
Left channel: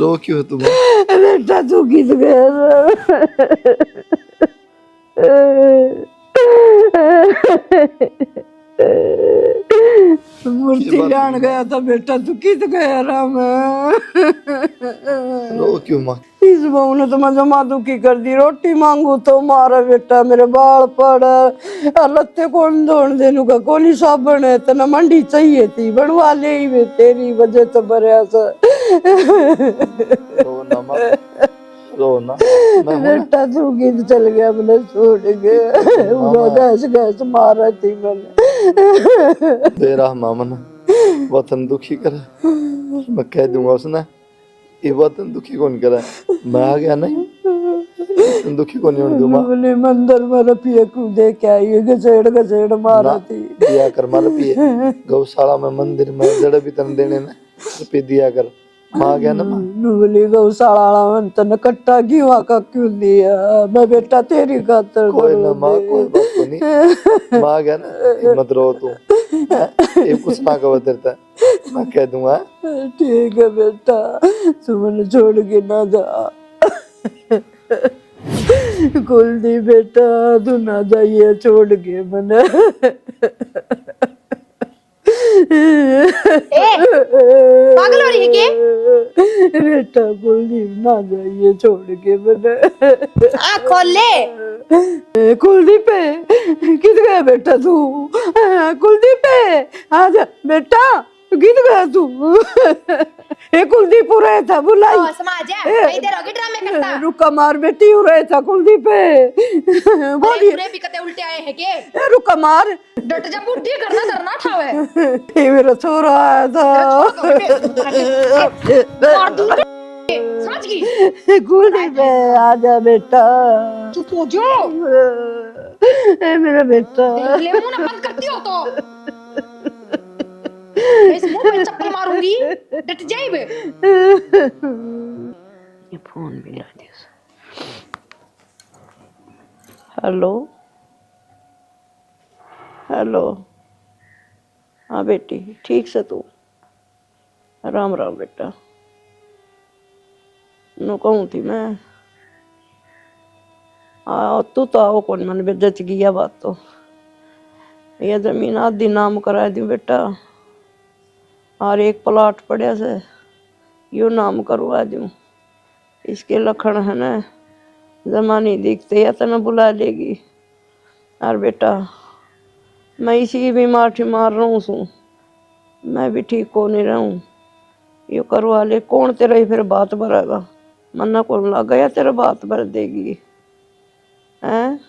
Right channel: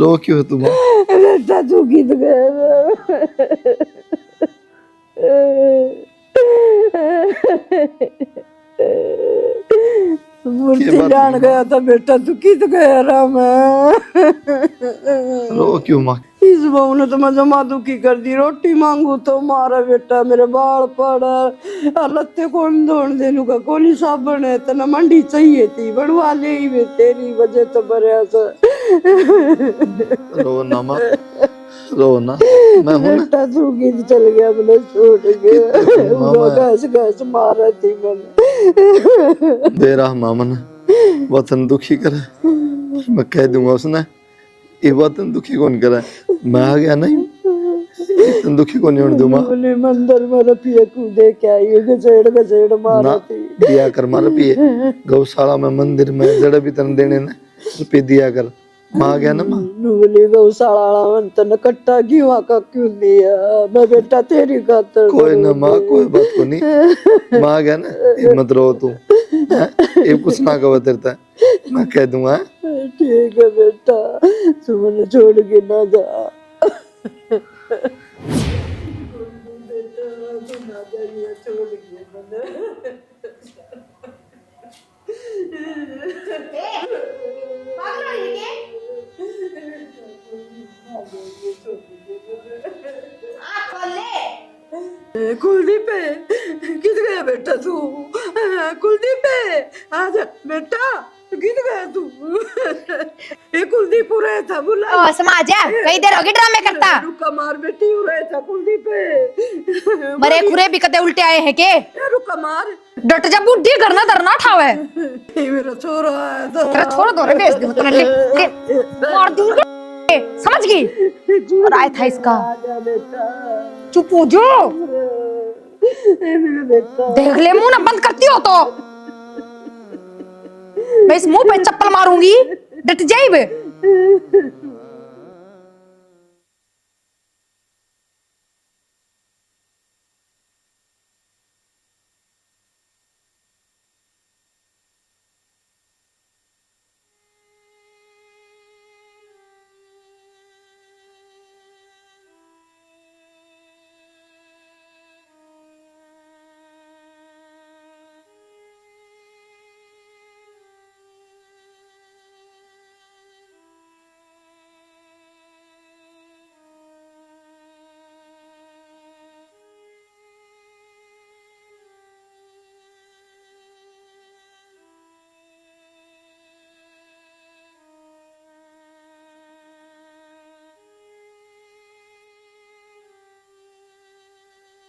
रो क्यों हो तुम? बेटा तू किस गया मूर्ति लान गया था बेटा, तू किस गया राम? रो क्यों माँ? इस बहू ने तो मैं जमा दुखी कर दी। रोटी मांगू तो मारा बेटा, मेरे बाल पड़ और लत्ते कौन धोन देनु का कोली साबन है तना मंडी चाहिए थी बढ़वा ले ही वे तेरी वजह तो बरया सा। रो ना माँ, रो ना, मैं हूं ना। बेटा तू किध चल गया, मैंने छोड़ के वो गैस गैस मारा थी मैंने। बेरा मामन वतन दुखी करे, मैं कह दूंगा उसने ये वतन दुखी कौन करे, मैं आ गया नहीं वतन दुखी कौन नहीं दूंगा। बोले मंदिर में रपिए कूदे क्या ये गजेड़ गजेड़ मारा थी। दिया कर मार पिए, गौशाला में मंदिर में जड़े भी तन देने ने रुपये दिया कर, माँ गया ना माँ। बोली गौशाला में तन कट्टा क्यों आका क्यों दिया, मैं बेटा तेरी खातर कोई ना माँ, कोई बात को नहीं, माँ गया ना, ये मत रो तू, ये कुछ ना कहो तेरे तक, मैं कह दूंगा। ठीक है बेटा, तू मैंने छोड़ के ना जा। कुलदीप बेटा तू ना जाइए छोड़ के मैंने। पागल हो रही है क्या? बेटा कुलदीप ना जाइए छोड़ के मैंने। आँख खोल ले। कुलदीप किध गया बेटा तू? कुलदीप आ जा बेटा, किध गया तू? ये कुलदीप हो रहा था बुला ओ समाज है, कई देर होगी ड्रामे करता। रुका मार बेटी हो रहा था कुलदीप। मरे पूरे बिकते उल्टे आए हैं के? रुका मार, डट जा बुढ़ी करना धरना ठावे। ये मेरा छोरा आया था। छोड़ दो रे, मार दूंगा। समझ गई? राय था इसका। आजा बेटा, चुप हो जाओ। ए मेरा बेटा। देख ले मुंह ना बंद करती हो तो मैं इस मुंह पे चप्पल मारूंगी, डट जाई बे। ये फोन भी ला दे। हेलो हेलो, हाँ बेटी ठीक से तू? राम राम बेटा। नो कहूँ थी मैं तू तो आओ कौन, मन में जच गया बात तो। ये जमीन आधी नाम करा दी बेटा, और एक प्लॉट पड़े से यो नाम करवा दूं। इसके लखन है ना, जमानी दिखते या तो न बुला लेगी। और बेटा मैं इसी बीमार ठिमार रहूँ सू, मैं भी ठीक को नहीं रहूँ। यो करवा ले, कौन तेरा ही फिर बात भरेगा? मन्ना कौन लग गया तेरा बात भर देगी हैं?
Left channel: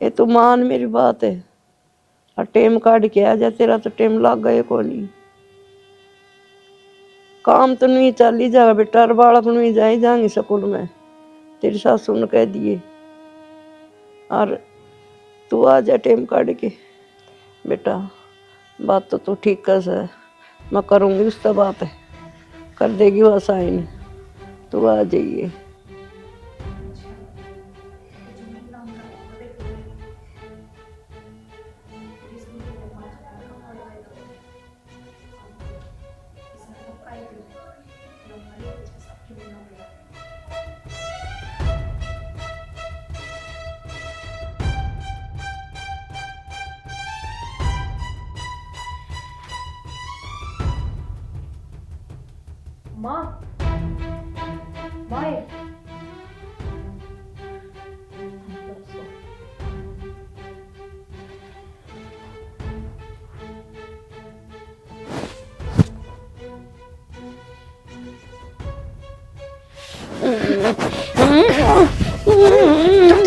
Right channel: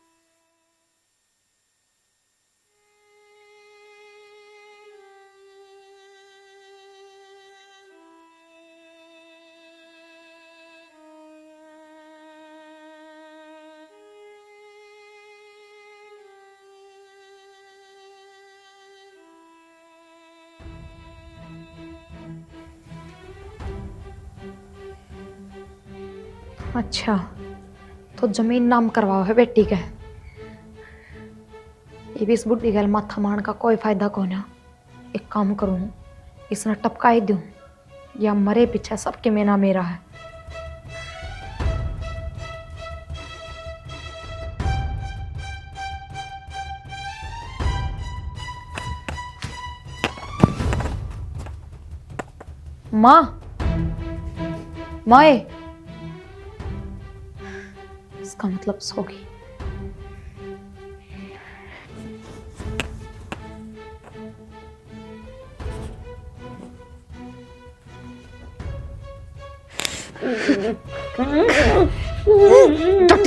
ये तो मान मेरी बात है, और टेम काट के आ जा, तेरा तो टेम लग गए को नहीं। काम तो नहीं चल ही जाएगा बेटा, और बालक नहीं जाए जाएंगे स्कूल में, तेरी सासू ने कह दिए। और तू आ जा टेम काट के बेटा। बात तो तू ठीक कर, मैं करूँगी उससे बात है। कर देगी वो साइन, तो आ जाइए। अच्छा, तो जमीन नाम करवाओ है बेटी के। ये भी इस बुढ़ी गल माथा मारन का कोई फायदा को ना। एक काम करूँ, इसने टपकाई दूँ या मरे पीछे सबके मेना मेरा है। माँ, माए, इसका मतलब सो गई।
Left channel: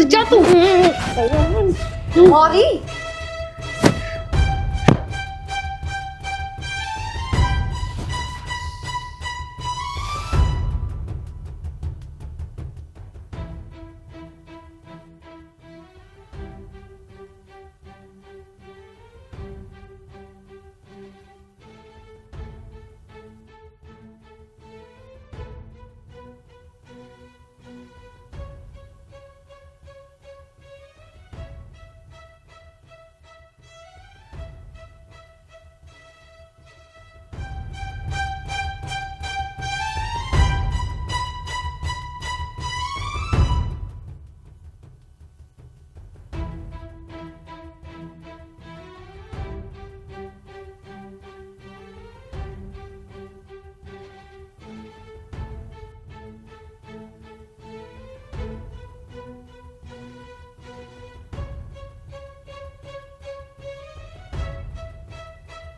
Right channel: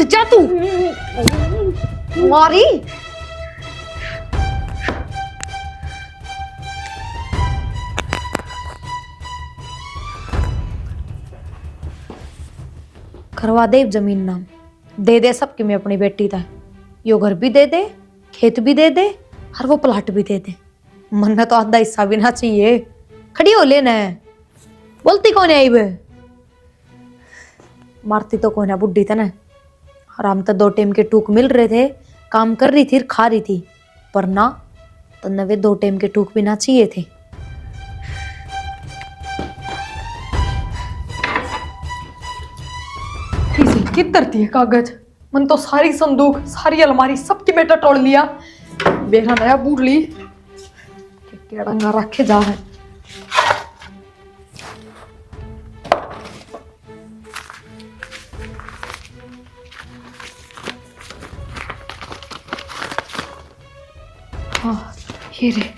जा तू मारी। करवा दे जमीन नाम, दे दे सबकी मैं अपनी बेटी था। यो घर भी दे दे, खेत भी दे दे, और वो प्लाट भी दे दे। मन में तो आधा हिस्सा भी ना चाहिए। खड़ी हो लेना है, बोलती कौन है बे? मारती तो कौन है, बुढ़ी था ना। आराम तो 2 टाइम के टूक मिल रहे थे, काम कर रही थी, खा रही थी, पर ना तो नवे 2 टाइम के टूक भी ना चाहिए थे। किधर थी कागज? मन तो सारी संदूक, सारी अलमारी सबकी बेटा तोड़ लिया। बेरा नया बूढ़ ली केड़ंगा रखे जा है। हाँ, ये रे।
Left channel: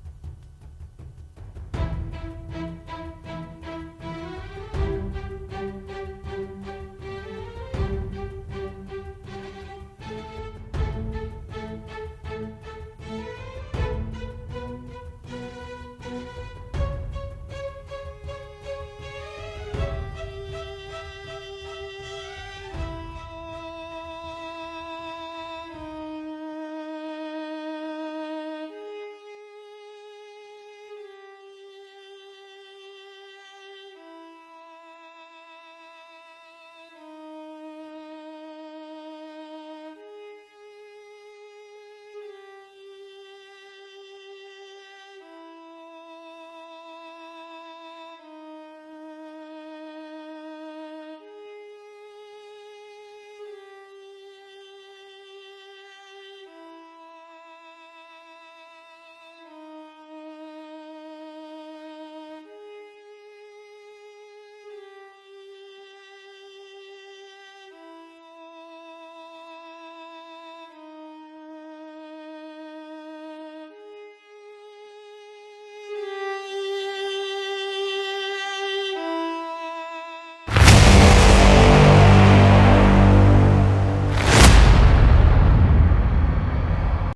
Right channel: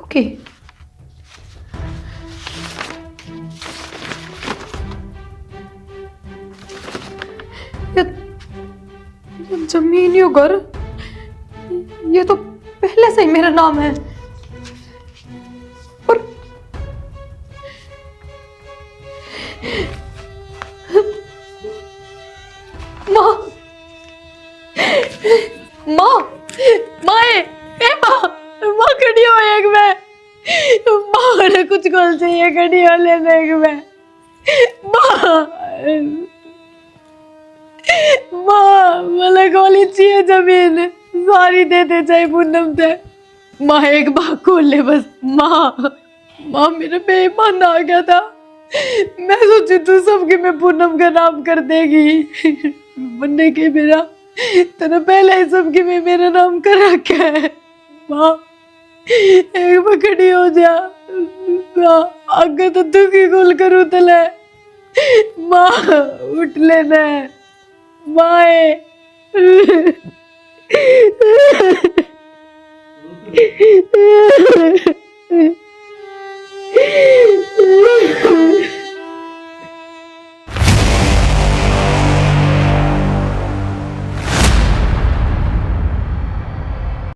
ओके, ये जमीन, यो घर, ये तो पहले से ही मेरा नाम है। पर माँ, माँ, माए, ए माँ, माँ खड़ी हो एक में। माँ ने कुछ गोल चाहिए, खड़ी हो लेने एक में। माँ, माँ, मला गोली चाहिए जमीन, सारी दे दे चाहे पूनम से। माँ एक बात खोल ले बस। माँ, माँ मेरा बेईमान आ गया था। मैं सोची तू सबके में पूनम का नाम कर देगी, बनने के मेरा तेरा पहले ही सबके में मेरा नाम कर रखा है। माँ एक पकड़ी हो जा, माँ आगे तो दुखी गोल करूँ तले। माँ उठ लेना है, माए।